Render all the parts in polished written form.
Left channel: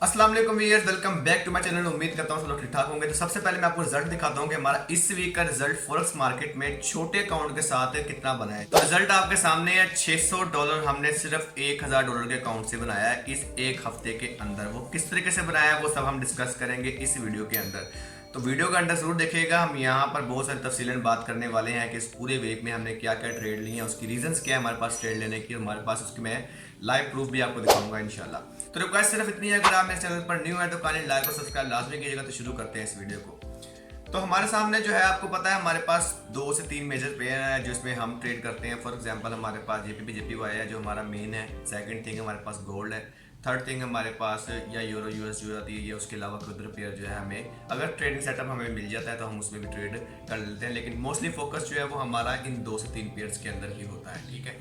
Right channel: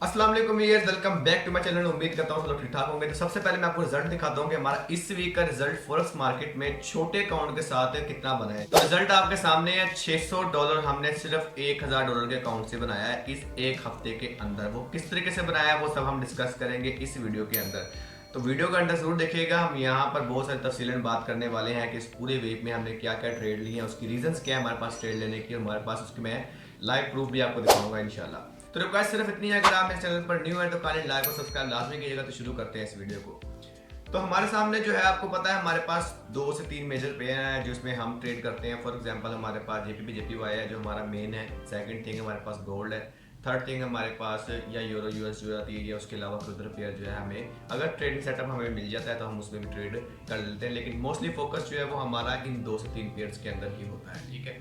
अस्सलाम वालेकुम viewers, welcome back to my channel. उम्मीद करता हूँ सब लोग ठीक ठाक होंगे। तो सबसे पहले मैं आपको रिजल्ट दिखाता हूँ कि हमारा इस वीक का रिजल्ट फॉरेक्स मार्केट में छोटे अकाउंट के साथ कितना बना है। तो रिजल्ट आपके सामने है। $600 हमने सिर्फ $1000 के अकाउंट से बनाया है इस एक हफ्ते के अंदर। वो किस तरीके से बनाया है वो सब हम डिस्कस करेंगे इस वीडियो के अंदर। तो वीडियो का अंदर जरूर देखिएगा। हम यहाँ पर बहुत सारी तफसीलन बात करने वाले हैं कि इस पूरे वीक में हमने क्या क्या ट्रेड लिए हैं, उसकी रीजंस क्या है हमारे पास ट्रेड लेने की, हमारे पास उसकी मैं लाइव प्रूफ भी आपको दिखाऊंगा इंशाल्लाह। तो रिक्वेस्ट सिर्फ इतनी है, अगर आप मेरे चैनल पर न्यू है तो काइंडली लाइक और सब्सक्राइब लाजमी कीजिएगा। तो शुरू करते हैं इस वीडियो को। तो हमारे सामने जो है आपको पता है हमारे पास 2 से 3 मेजर पेयर है जिसमें हम ट्रेड करते हैं। फॉर एग्जांपल हमारे पास जेपीपी जेपीवाई है जो हमारा मेन है। सेकंड थिंग हमारे पास गोल्ड है। थर्ड थिंग हमारे पास या यूरो यूएस जो आती है, या उसके अलावा कोई उधर पेयर जो है हमें अगर ट्रेडिंग सेटअप हमें मिल जाता है तो हम उसमें भी ट्रेड कर लेते हैं। लेकिन मोस्टली फोकस जो है वो हमारा इन 2 से 3 पेयर्स के अंदर ही होता है। ठीक है,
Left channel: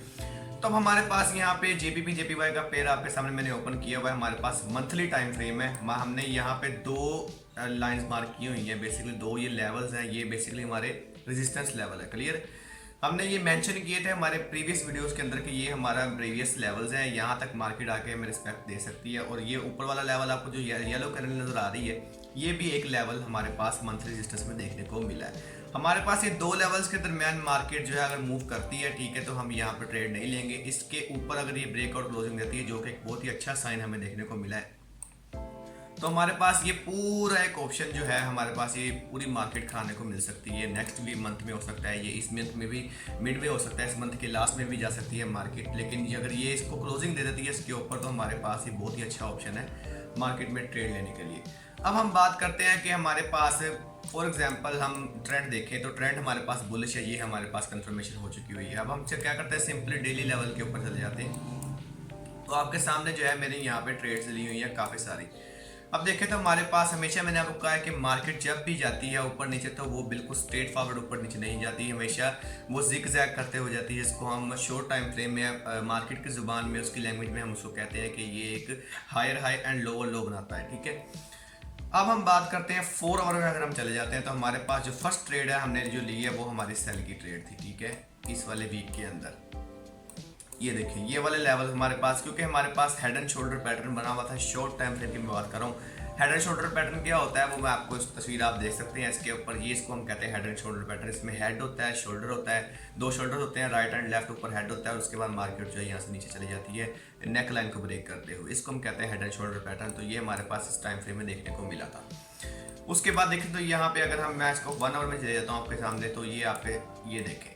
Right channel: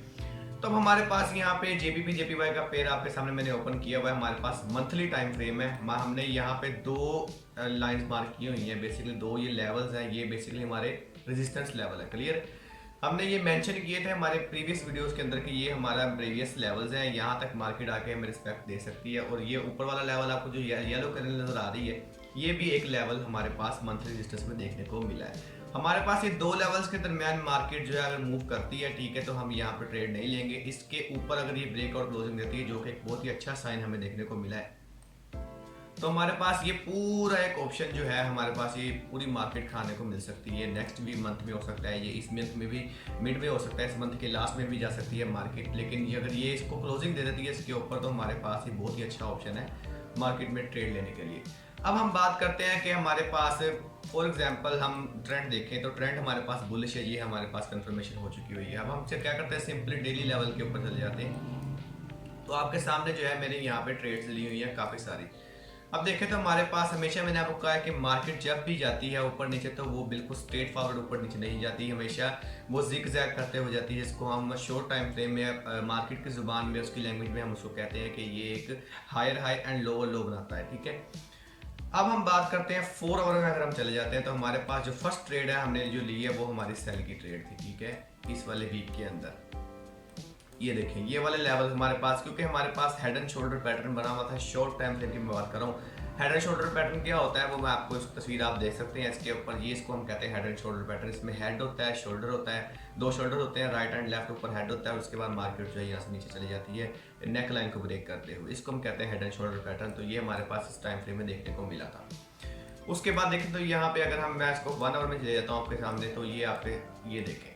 तो अब हमारे पास यहाँ पे जेपीपी जेपीवाई का पेयर आपके सामने मैंने ओपन किया हुआ है। हमारे पास मंथली टाइम फ्रेम है। हमने यहाँ पे 2 लाइंस मार्क की हुई हैं। बेसिकली 2 ये लेवल्स हैं, ये बेसिकली हमारे रेजिस्टेंस लेवल है। क्लियर, हमने ये मेंशन किए थे हमारे प्रीवियस वीडियोस के अंदर कि ये हमारा प्रीवियस लेवल्स हैं, यहाँ तक मार्केट आके हमें रिस्पेक्ट दे सकती है। और ये ऊपर वाला लेवल आपको जो येलो कलर नजर आ रही है, ये भी एक लेवल हमारे पास मंथली रेजिस्टेंस में देखने को मिला है। हमारे पास ये 2 लेवल्स के दरमियान मार्केट जो है अगर मूव करती है, ठीक है, तो हम यहाँ पे ट्रेड नहीं लेंगे। इसके ऊपर अगर ये ब्रेकआउट क्लोजिंग देती है, जो कि एक बहुत ही अच्छा साइन हमें देखने को मिला है, तो हमारे पास ये पूरा एक ऑप्शन जो है, हमारे पास ये पूरी मार्केट खाने को मिल सकती है। नेक्स्ट भी मंथ में हो सकता है, ये इस मंथ में भी मिड में हो सकता है, इस मंथ के लास्ट में भी जा सकती है मार्केट। लेकिन अगर ये इसको क्लोजिंग दे देती है इसके ऊपर, तो हमारे पास ये बहुत ही अच्छा ऑप्शन है मार्केट में ट्रेड लेने के लिए। अब हम बात करते हैं कि हमारे पास फॉर एग्जाम्पल हम ट्रेंड देखें तो ट्रेंड हमारे पास बुलिश है, ये हमारे पास कंफर्मेशन हो चुकी हुई है। अब हम क्या करते हैं, सिंपली डेली लेवल के ऊपर चले जाते हैं। तो आपके सामने जो है मैंने यहाँ पे ट्रेड्स ली हुई है काफ़ी सारी। अब देखें तो हमारे पास हमेशा मैंने आपको कहा है कि मार्केट जब भी जाती है ऊपर नीचे, तो वो बिल्कुल स्ट्रेट फॉरवर्ड ऊपर नीचे नहीं जाती, हमेशा वो जिग जैग करते हुए जाती है, जिसको हम शॉर्ट टाइम फ्रेम में मार्केट की ज़ुबान में उसकी लैंग्वेज में हम उसको कहते हैं कि ये एक higher high and lower low बनाता है। ठीक है, अब हम बात करते हैं 4 आवर में। अगर हम चले जाते हैं तो हमारे पास जो फर्स्ट ट्रेड है हमने जो ली है वो हमारी सेल की ट्रेड थी। ठीक है, इस वाले वीक के अंदर ये देखें, ये वाले लेवल हमारे पास, क्योंकि हमारे पास हेड एंड शोल्डर पैटर्न बना हुआ था। शॉर्ट टाइम फ्रेम की मैं बात कर रहा हूँ। हेड एंड शोल्डर पैटर्न क्या होता है वो मैं आपको इस तस्वीर आप देख सकते हैं इसके ऊपर। ये इसको हम कहते हैं हेड एंड शोल्डर पैटर्न। इसमें हेड होता है, शोल्डर होता है, 2 शोल्डर होते हैं, राइट एंड लेफ्ट। ऊपर हेड होता है और उसके बाद मार्केट जो है यहाँ से नीचे चली जाती है नेक लाइन को ब्रेक करते हुए। इसको हम कहते हैं हेड एंड शोल्डर पैटर्न। तो ये हमारे पास इस टाइम फ्रेम में देखने को मिला था। उसके बाद देखें तो यहाँ पे अगर हम मैच को 1 आवर में चले जाता हूँ आपके सामने, तो ये आप ये देखें,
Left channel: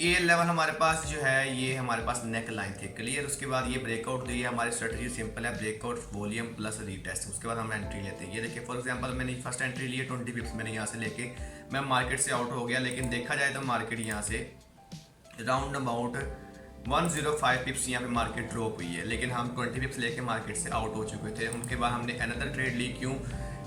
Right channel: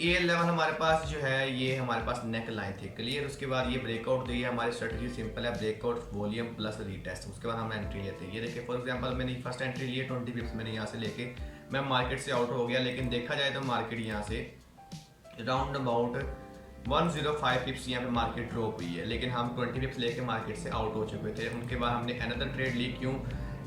ए लेवल हमारे पास जो है ये हमारे पास नेक लाइन थी। क्लियर, उसके बाद ये ब्रेकआउट दी है। हमारी स्ट्रेटजी सिंपल है, ब्रेकआउट वॉल्यूम प्लस रीटेस्ट। उसके बाद हम एंट्री लेते हैं। ये देखिए फॉर एग्जांपल मैंने फर्स्ट एंट्री ली है 20 पिप्स, मैंने यहाँ से लेके मैं मार्केट से आउट हो गया। लेकिन देखा जाए तो मार्केट यहाँ से राउंड अबाउट 105 पिप्स यहाँ पे मार्केट ड्रॉप हुई है, लेकिन हम 20 पिप्स लेके मार्केट से आउट हो चुके थे। उनके बाद हमने अनदर ट्रेड ली। क्यों?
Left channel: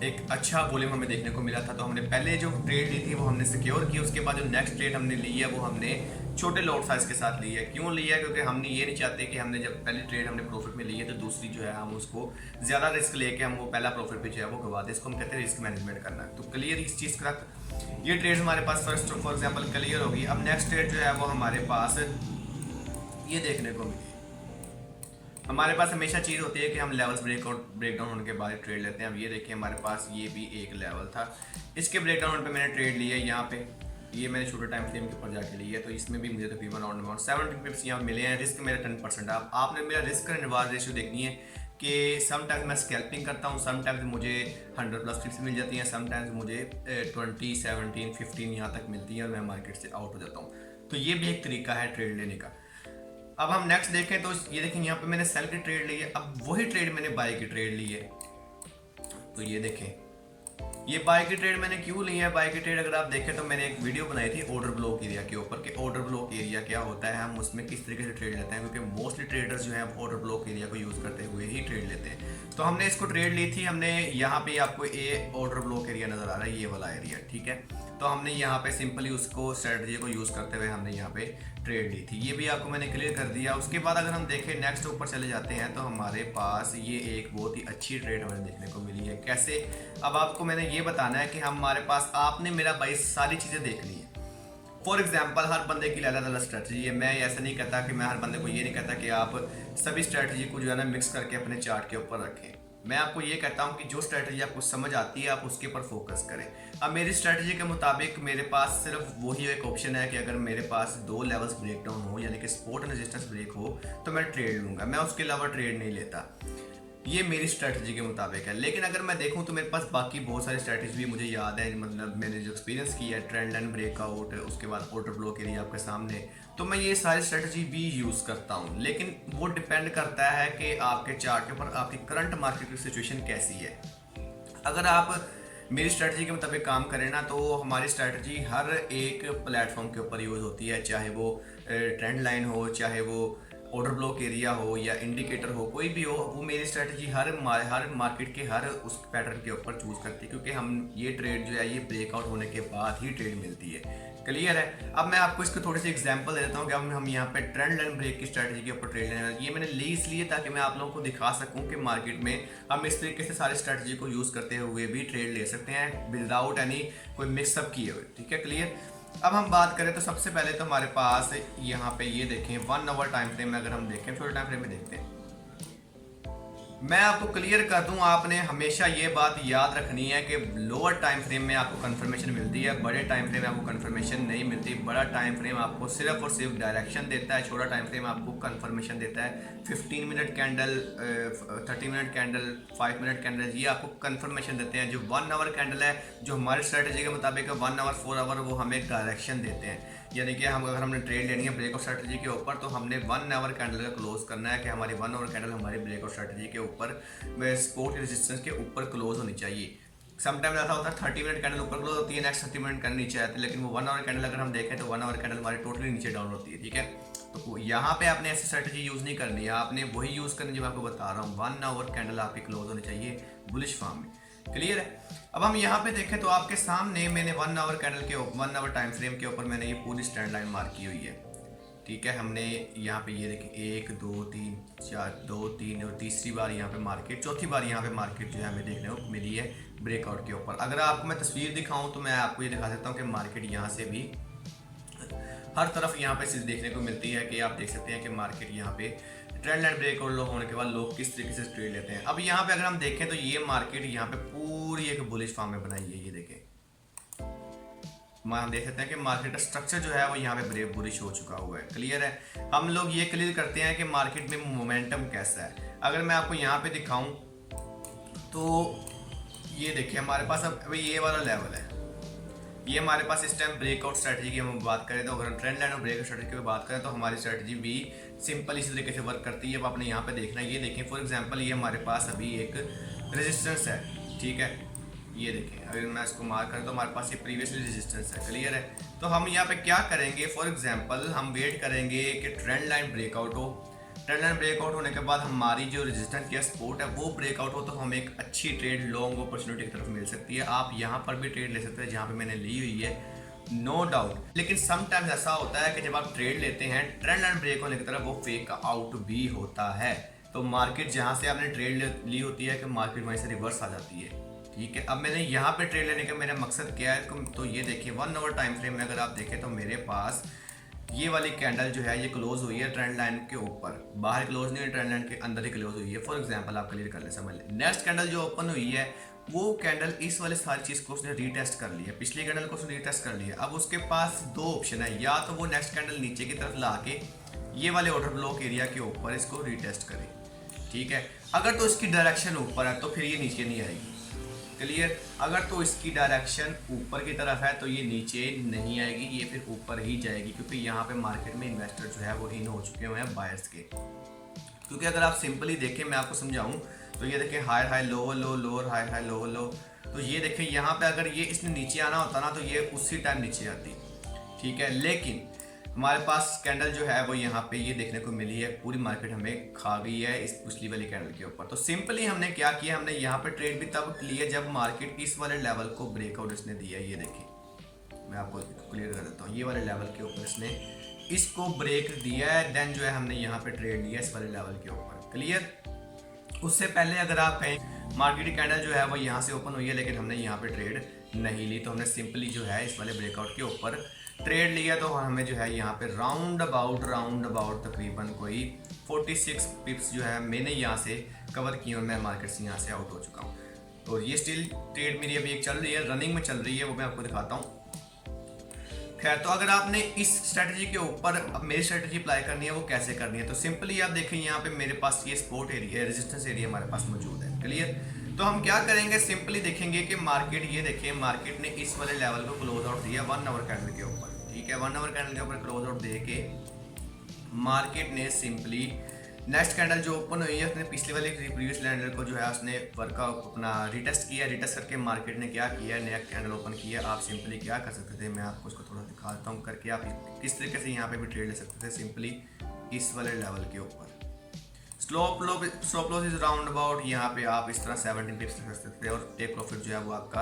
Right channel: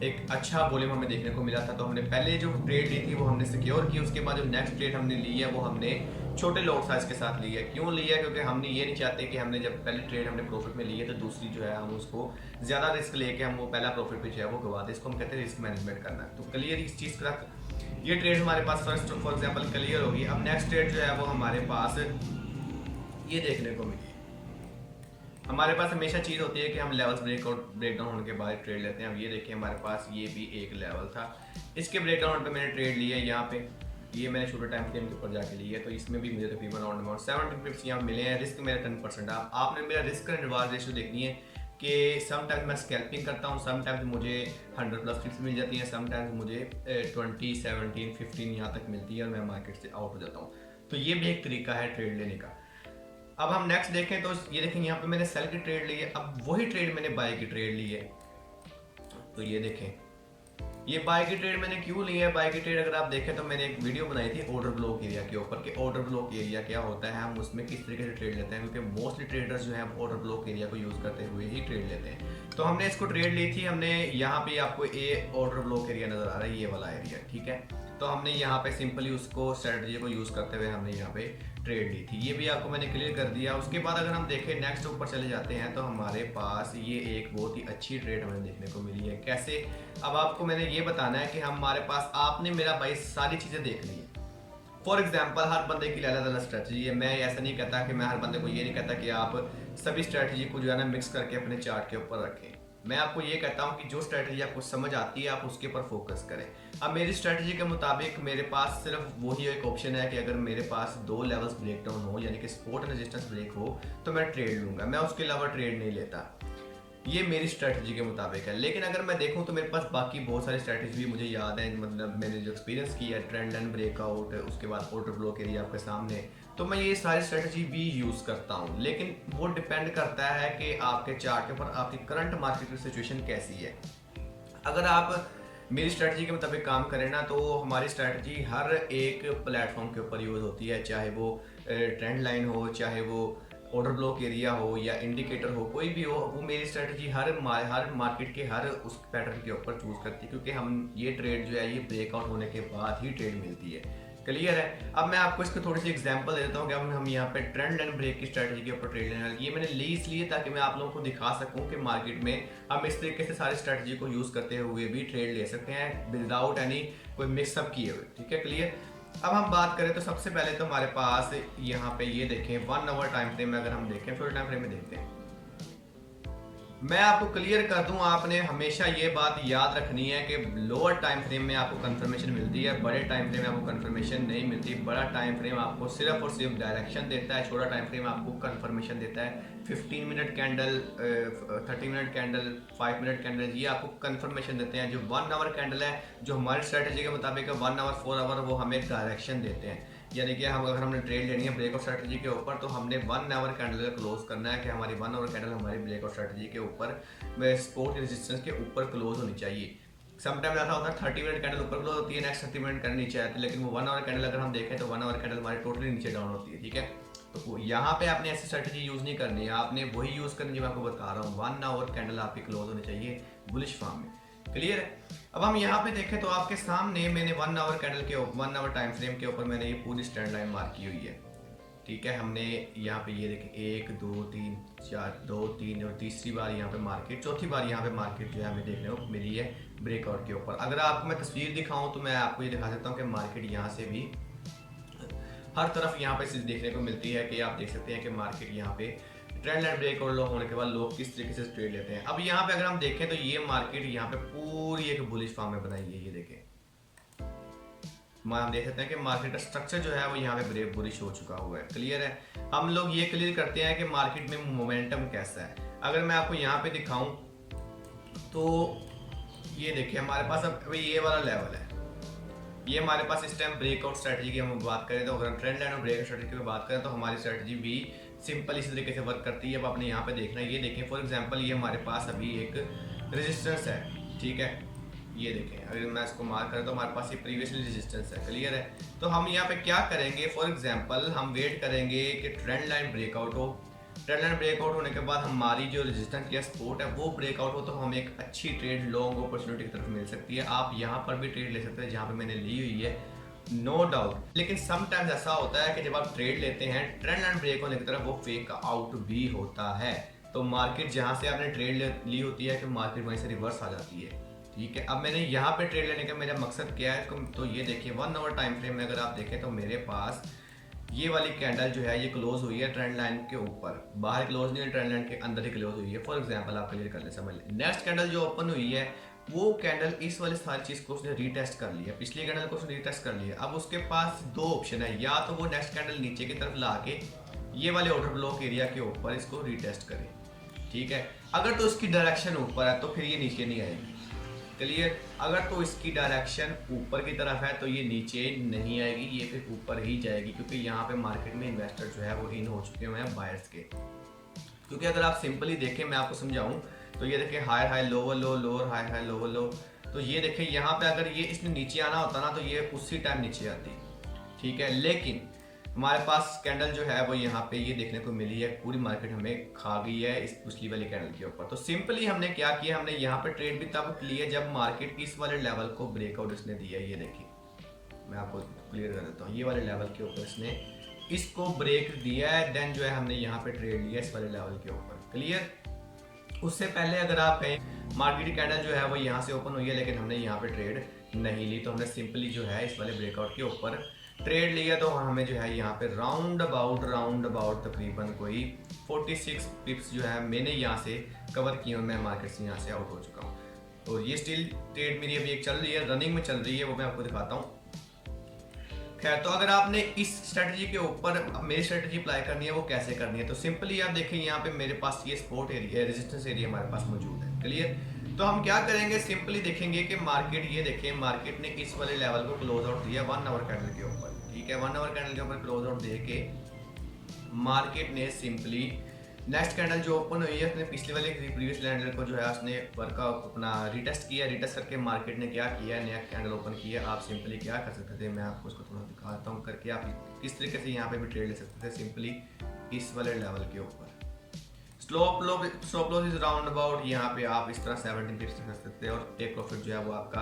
एक अच्छा वॉल्यूम हमें देखने को मिला था, तो हमने पहले जो ट्रेड ली थी वो हमने सिक्योर की। उसके बाद जो नेक्स्ट ट्रेड हमने ली है वो हमने छोटे लॉट साइज के साथ ली है। क्यों लिया है? क्योंकि हमने ये नहीं चाहते कि हमने जब पहले ट्रेड हमने प्रॉफिट में ली है तो दूसरी जो है हम उसको ज़्यादा रिस्क लेके हम वो पहला प्रॉफिट भी जो है वो गवा दे। इसको हम कहते हैं रिस्क मैनेजमेंट करना। तो क्लियर इस चीज़ का ये ट्रेड हमारे पास फर्स्ट फॉर एग्जाम्पल क्लियर होगी। अब नेक्स्ट ट्रेड जो है वो हमारे पास ये देखने को मिली। हमारे पास हमेशा चीज़ होती है कि हम लेवल्स ब्रेकडाउन होने के बाद ट्रेड लेते हैं। अब ये देखिए हमारे पास ये भी एक लेवल था, इसके ब्रेकडाउन पे मैंने ट्रेड लिया है। यहाँ पे ये मैंने छोटे टाइम फ्रेम के ऊपर जाके लिया है, तो इसमें भी मुझे तकरीबन राउंड अबाउट 70 पिप्स यहाँ मिले हैं। रिस्क मेरा 10%। आपने मेरा रिस्क एंड रिवार्ड रेशियो देखनी है कि समटाइम्स मैं स्कैल्पिंग करता हूँ, समटाइम्स मुझे 100+ पिप्स मिल जाती हैं, समटाइम्स मुझे 20, 17, 15 यहाँ तक मिलती है और मैं मार्केट से आउट हो जाता हूँ। तो ये भी एक तरीका है ट्रेड लेने का। अब हम नेक्स्ट देखें तो ये देखें यहाँ पे मैंने सेल की ट्रेड ली है। अब वही ट्रेड मैंने बाय की ट्रेड ली है। तो ये देखें, ये बाय की ट्रेड मैंने क्यों ली है? बाय की ट्रेड अगर आप देखें तो मैंने एक वीडियो बनाई थी ऑर्डर ब्लॉक एरिया के ऊपर कि ऑर्डर ब्लॉक एरिया क्या होता है, हम उसमें किस तरीके से ट्रेड लेते हैं, क्योंकि मोस्टली ट्रेडर्स जो है ऑर्डर ब्लॉक एरिया को यूज़ करते हुए ही ट्रेड लेते हैं। तो हमने इसको ट्रेड ली थी। हमने यहाँ पे आपको ए ऑर्डर ब्लॉक एरिया नज़र आ रहा है, ये वाला एरिया। ठीक है, तो हमने यहाँ पे सिंपली उसको स्ट्रेटजी को यूज़ करते हुए हमने यहाँ पे ट्रेड ली थी। ये भी आपको मैंने क्लियर कर दिया। उसके बाद अगर हम देखें नेक्स्ट ऊपर चले जाते हैं तो हमारे पास ये एक बहुत ही अच्छी ट्रेड हमें देखने को मिली है। कैसे? अब आपको मैंने ये बताना है कि हमारे पास आपने मेरा भाई सारी चीज़ें देखनी है। फॉर एग्जाम्पल हर बंदे की अलग अलग स्ट्रेटजी है। मैं ऐसा नहीं कहता कि मैं हर बंदे को ये नहीं कहता कि आप सभी स्ट्रेटजी को जो है ना मिक्स करके अपने चार्ट के ऊपर रखें। मैं आपको ये कहता हूँ कि जो स्ट्रैटेजी आपको समझ आती है आप उसके ऊपर फोकस करें। अब मेरी स्ट्रैटेजी के मुताबिक मेरे पास सिर्फ वही एक ऑप्शन है कि अगर मेरे पास 2 लेवल्स ब्रेक डाउन हो, यानी कि सपोर्ट एंड रेजिस्टेंस ब्रेक हो, तो मैं ट्रेड लूँगा, मैं उसके अलावा ट्रेड नहीं लेता। ये मेरी स्ट्रैटेजी के मुताबिक है। लेकिन अगर मैं देखूं तो मेरे पास बाकी बहुत सारी स्ट्रैटेजी भी मुझे याद है, मतलब मैंने जो एक्सपीरियंस किया है, ट्रेंड लाइन ब्रेकआउट, उसके बाद ऑर्डर ब्लॉक एरिया आपके सामने, तो मैं ये सारी स्ट्रैटेजी भी यूज़ करता हूँ। लेकिन वो डिपेंड करता है कि आपके चार्ट के ऊपर आपकी करंट मार्केट की सिचुएशन कैसी है। अगर आप मेरी स्ट्रैटेजी के मुताबिक काम करें ना, तो हमारी स्ट्रैटेजी हर एक प्लेटफॉर्म के ऊपर यूज़ होती है, चाहे वो ट्रेंड लाइन हो, चाहे वो ऑर्डर ब्लॉक एरिया हो या इंडिकेटर हो, कोई भी हो, वो मेरी स्ट्रैटेजी हर मार्केट के हर उस पैटर्न के ऊपर चूज़ करती है, क्योंकि हम ये ट्रेड जो है ये ब्रेकआउट होने के बाद ही ट्रेड मिलती है। क्लियर है। अब मैं आपको इसको थोड़ी सी एग्जांपल दे देता हूँ कि अब हम यहाँ पे ट्रेंड लाइन ब्रेक की स्ट्रैटेजी के ऊपर ट्रेड लेने वाले। ये मैंने ली इसलिए ताकि मैं आप लोगों को दिखा सकूँ कि मार्केट में हम इस तरीके से सारी स्ट्रैटेजी को यूज़ करते हुए भी ट्रेड ले सकते हैं विदाउट एनी कोई मिक्सअप किए हुए। ठीक है, क्लियर। अब हम बात करें तो सबसे पहले तो हमारे पास यहाँ पे ये देखें 1 आवर टाइम फ्रेम में, अगर हम देखें छोटे टाइम फ्रेम में देखते हैं, मैं आपको क्लियर कर दूं, आपने हमेशा ये बात याद रखनी है कि लोअर टाइम फ्रेम में आपको कंफर्मेशन मिलती है, बड़े टाइम फ्रेम में आपको कंफर्मेशन नहीं मिलती। बड़ा टाइम फ्रेम आपको सिर्फ और सिर्फ डायरेक्शन देता है, छोटा टाइम फ्रेम आपको कंफर्मेशन देता है। 15 minute candle, 30 minute candle, 5 minute candle, ये आपको कंफर्मेशन देते हैं। जो 1 आवर कैंडल है, जो हमारी स्ट्रैटेजी के मुताबिक 1 आवर 4 आवर, वो हमें डायरेक्शन देते हैं। यानी कि हम अगर हमने ट्रेड लेनी है ब्रेकआउट स्ट्रैटेजी के ऊपर, तो हमने 1 आवर कैंडल का क्लोज करना है कि हमारी 1 आवर कैंडल हमारी ब्रेकआउट स्ट्रैटेजी के ऊपर सपोर्ट रेजिस्टेंस के ऊपर क्लोज होनी चाहिए। समटाइम ऐसा होता है 30 मिनट कैंडल ऊपर क्लोज होती है, नेक्स्ट 30 मिनट कैंडल नीचे आती है, लेकिन वो 1 आवर कैंडल अगर हम देखें तो 1 आवर कैंडल हमारी टोटली नीचे डाउन होती है। ठीक है, तो यहाँ पे आपने ऐसी स्ट्रैटेजी यूज़ नहीं करनी है, आपने वही यूज़ करनी जो मैं आपको बता रहा हूँ। 1 आवर कैंडल आपकी क्लोज होनी चाहिए बुलिश फॉर्म में। क्लियर है। अब हम यहाँ पे देखें तो आपके सामने मैंने 1 आवर कैंडल के 1 आवर टाइम फ्रेम के ऊपर मैंने ये पूरी स्टैंड लाइन मार्क की हुई है। ठीक है, हमने यहाँ पे ये देखें 1 2 3 4, 2 3 और तीसरी बार यहाँ पे मार्केट, चौथी बार यहाँ पे मार्केट जो है हमें देखने को मिली है ब्रेकआउट के ऊपर। अगर आपको मैं तस्वीर दिखाऊं तो मैं आपको ये दिखा सकता हूँ कि मार्केट यहाँ से भी हर तरफ यहाँ पे चीज़ देखने को मिलती है कि आप देख सकते हैं कि मार्केट यहाँ पे ट्रेंड लाइन ब्रेकआउट लो होने के बाद लोग किस तरीके से ट्रेड लेते हैं। अब यहाँ पे अगर हम देखें तो ये मार्केट यहाँ पे पूरी एक बुलिश फॉर्म में बनाई है। ये देखें, हम देख सकते हैं कि मार्केट का स्ट्रक्चर जो है वो यहाँ पे ब्रेक बुलिश हो चुका हुआ है। क्लियर है। हम लोग ये क्लियर करते हैं कि मार्केट में मोमेंटम कैसा है। अगर मैं आपको यहाँ पे दिखाऊं तो ये देखिए हमारे पास अब ये वाला लेवल है, ये हमारे पास इस टाइम ब्रेकआउट स्ट्रैटेजी की हम बात करें तो, अगर हम ट्रेंड लाइन और ब्रेकआउट स्ट्रैटेजी की बात करें तो हमारी स्ट्रैटेजी भी सिंपल इसी तरीके से वर्क करती है। अब आपने यहाँ पे देखना है, ये देखें फॉर एग्जांपल ये हमारे पास अभी एक रेजिस्टेंस है। ठीक है, ये देखें अगर मैं इसको मार्क करें तो हमारे पास ये प्रीवियसली रेजिस्टेंस है। क्लियर है। तो हम यहाँ पे क्या करेंगे, फॉर एग्जांपल हम वेट करेंगे कि ट्रेंड लाइन ब्रेकआउट हो। ट्रेंड लाइन ब्रेकआउट होने के बाद हमारी जो रेजिस्टेंस या सपोर्ट है वो ब्रेकआउट हो, तो हमें एक अच्छी ट्रेड लॉन्ग अपॉर्चुनिटी की तरफ मिल सकती है। आप यहाँ पर भी ट्रेड ले सकते हैं जहाँ पे मैंने ली हुई है, नो डाउट। लेकिन समटाइम्स ऐसा होता है कि जब आप ट्रेड लेते हैं ट्रेंड लाइन ब्रेक होने की तरफ, वो फेक आउट भी होता है। तो मार्केट जहाँ से आपने ट्रेड ली होती है कि मार्केट वहीं से रिवर्स आ जाती है। ठीक है, अब मैंने यहाँ पे ट्रेड लेने का मेरा मकसद क्या है, तो ये देखिए 1 आवर टाइम फ्रेम में अगर आप देखें तो मेरे पास ये वाली कैंडल जो है ये क्लोज हुई है ट्रेंड लाइन के ऊपर, बाहर क्लोज नहीं है, ट्रेंड लाइन के अंदर ही क्लोज हुई है। फॉर एग्जांपल आप क्लियर कर ले, समझ लें। नेक्स्ट कैंडल जो ओपन हुई है वो कैंडल इस वाले सारी चीज़ को उसने रीटेस्ट कर लिया, पिछली कैंडल को उसने रीटेस्ट कर लिया। अब उसके पास 2 ऑप्शन है, या तो वो नेक्स्ट कैंडल नीचे की तरफ ला के ये वाले ऑर्डर ब्लॉक एरिया के ऊपर इसको रीटेस्ट करे। ठीक है, अगर तो इसकी डायरेक्शन ऊपर है तो फिर ये नीचे नहीं आएगी। क्लियर। अगर तो इसकी डायरेक्शन ऊपर की तरफ है तो ये नीचे नहीं आएगी, ये फिर ऊपर ही जाएगी, क्योंकि यहाँ पे मार्केट में इन्वेस्टर जो है वो इन हो चुके हुए हैं बायर्स के। क्योंकि अगर आप सिंपली देखें, मैं आपको समझाऊं तो ये देखें higher high lower low, lower high high lower low, तो ये देखें यहाँ पे अगर ये इसने नीचे आना होता ना तो ये उसी टाइम नीचे आती। ठीक है, लेकिन हमारे पास कैंडल जो है वो यहाँ पे ये देखने को मिली है, पूरी मार्केट हमें खा गई है इस पिछली वाली कैंडल के ऊपर। तो सिंपली हमने क्या किया, हमने यहाँ पे ट्रेड भी तब लिया जब मार्केट इस वाले लेवल को ब्रेकआउट इसने दिया। ये देखिए मैं आपको क्लियर कर देता हूँ, ये वाले लेवल के ऊपर इसने इसको ब्रेक दिया है, देन जो है हमने यहाँ पे ट्रेड लिया इस वाले लेवल के ऊपर। क्लियर। उससे पहले अगर आप कहें मार्केट कैंडल जो है वो यहाँ से ओपन हुई है लेकिन हमने यहाँ पे ट्रेड नहीं ली, तो हमने सिंपली जो है इस वाले ब्रेकआउट के ऊपर ट्रेड लिया तो हमें जो है यहाँ पे राउंड अबाउट तकरीबन कोई 46 पिप्स जो है मैंने यहाँ से कवर किए और मैं मार्केट से यहाँ से आउट हो चुका हूँ। तो ये स्टिल ट्रेड मेरी अभी एक चल रही है, रनिंग में चल रही है, वो मैं आपको दिखाता हूँ। खैर, तो अगर आपने इस स्ट्रेटजी के ऊपर मेरी स्ट्रेटजी अप्लाई करनी है वो कैसे करनी है, तो सिंपली आप देखें यहाँ पे मेरे पास ये सपोर्ट एरिया, रेजिस्टेंस एरिया हमारे पास मौजूद है। क्लियर? तो हम क्या करेंगे, सिंपली देखेंगे कि मार्केट, ये देखें मार्केट ने इस वाले लेवल को क्लोज आउट दिया 1 आवर कैंडल के ऊपर। ठीक है, 1 आवर कैंडल के ऊपर क्लोज आउट दे के मार्केट ने सिंपली नेक्स्ट कैंडल जो ओपन हुई है उसने पिछले वाले प्रीवियस कैंडल को जो है उसने वर्कआउट अपना रिटेस्ट किया। रिटेस्ट करके मार्केट ने क्या किया, नया कैंडल ओपन किया। आप सिंपली क्या कर सकते थे, मैं आपको इसको थोड़ा दिखा देता हूँ करके, आप किस तरीके से यहाँ पे भी ट्रेड ले सकते थे। सिंपली इस वाले लेवल के ऊपर stop loss is round about, यहाँ पे आप इस तरह 17 पिप्स रख सकते थे और टेक प्रॉफिट जो है वो आपका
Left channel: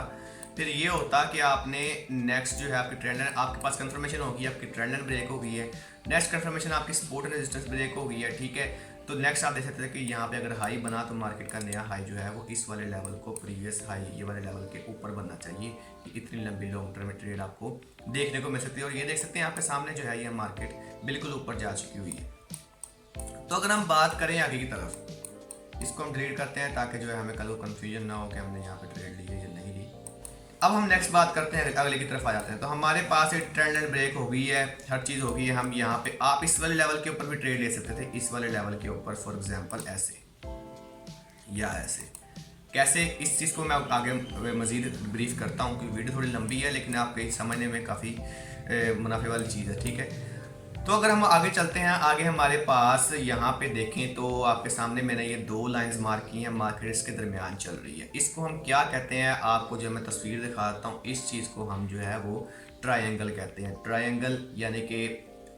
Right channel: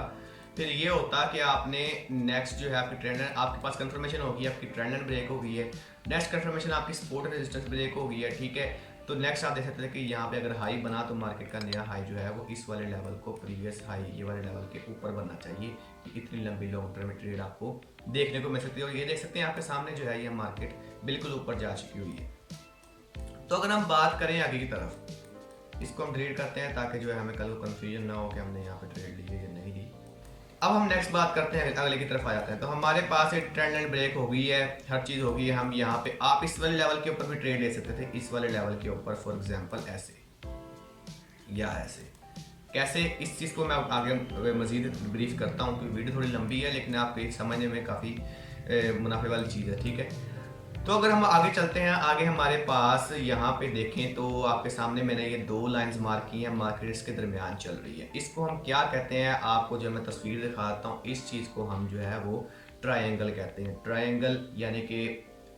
फिर ये होता कि आपने नेक्स्ट जो है आपकी ट्रेंड, आपके पास कंफर्मेशन होगी, आपकी ट्रेंड लाइन ब्रेक हो गई है, नेक्स्ट कंफर्मेशन आपकी सपोर्ट एंड रेजिस्टेंस ब्रेक हो गई है। ठीक है, तो नेक्स्ट आप देख सकते हैं कि यहाँ पे अगर हाई बना तो मार्केट का नया हाई जो है वो इस वाले लेवल को, प्रीवियस हाई ये वाले लेवल के ऊपर बनना चाहिए। इतनी लंबी लॉन्ग टर्म में ट्रेड आपको देखने को मिल सकती है। और ये देख सकते हैं यहाँ पे सामने जो है ये मार्केट बिल्कुल ऊपर जा चुकी हुई है। तो अगर हम बात करें आगे की तरफ, इसको हम डिलीट करते हैं ताकि जो है हमें कल को कंफ्यूजन ना हो कि हमने यहाँ पे ट्रेड ली है या नहीं ली। अब हम नेक्स्ट बात करते हैं, अगले की तरफ आ जाते हैं। तो हमारे पास एक ट्रेंड लाइन ब्रेक हो गई है, हर चीज़ हो गई है। हम यहाँ पे आप इस वाले लेवल के ऊपर भी ट्रेड ले सकते थे, इस वाले लेवल के ऊपर, फॉर एग्जांपल ऐसे या ऐसे। कैसे, इस चीज़ को मैं आगे मजीद ब्रीफ करता हूँ क्योंकि वीडियो थोड़ी लंबी है लेकिन आपके समझने में काफ़ी मुनाफे वाली चीज़ है। ठीक है, तो अगर हम आगे चलते हैं, आगे हमारे पास यहाँ पे देखें तो आपके सामने मैंने ये 2 लाइंस मार्क की हैं, मार्केट इसके दरमियान चल रही है। इसको हम क्या कहते हैं, आपको जो मैं तस्वीर दिखाता हूँ, इस चीज़ को हम जो है वो ट्रायंगल कहते हैं। ट्रायंगल यानी कि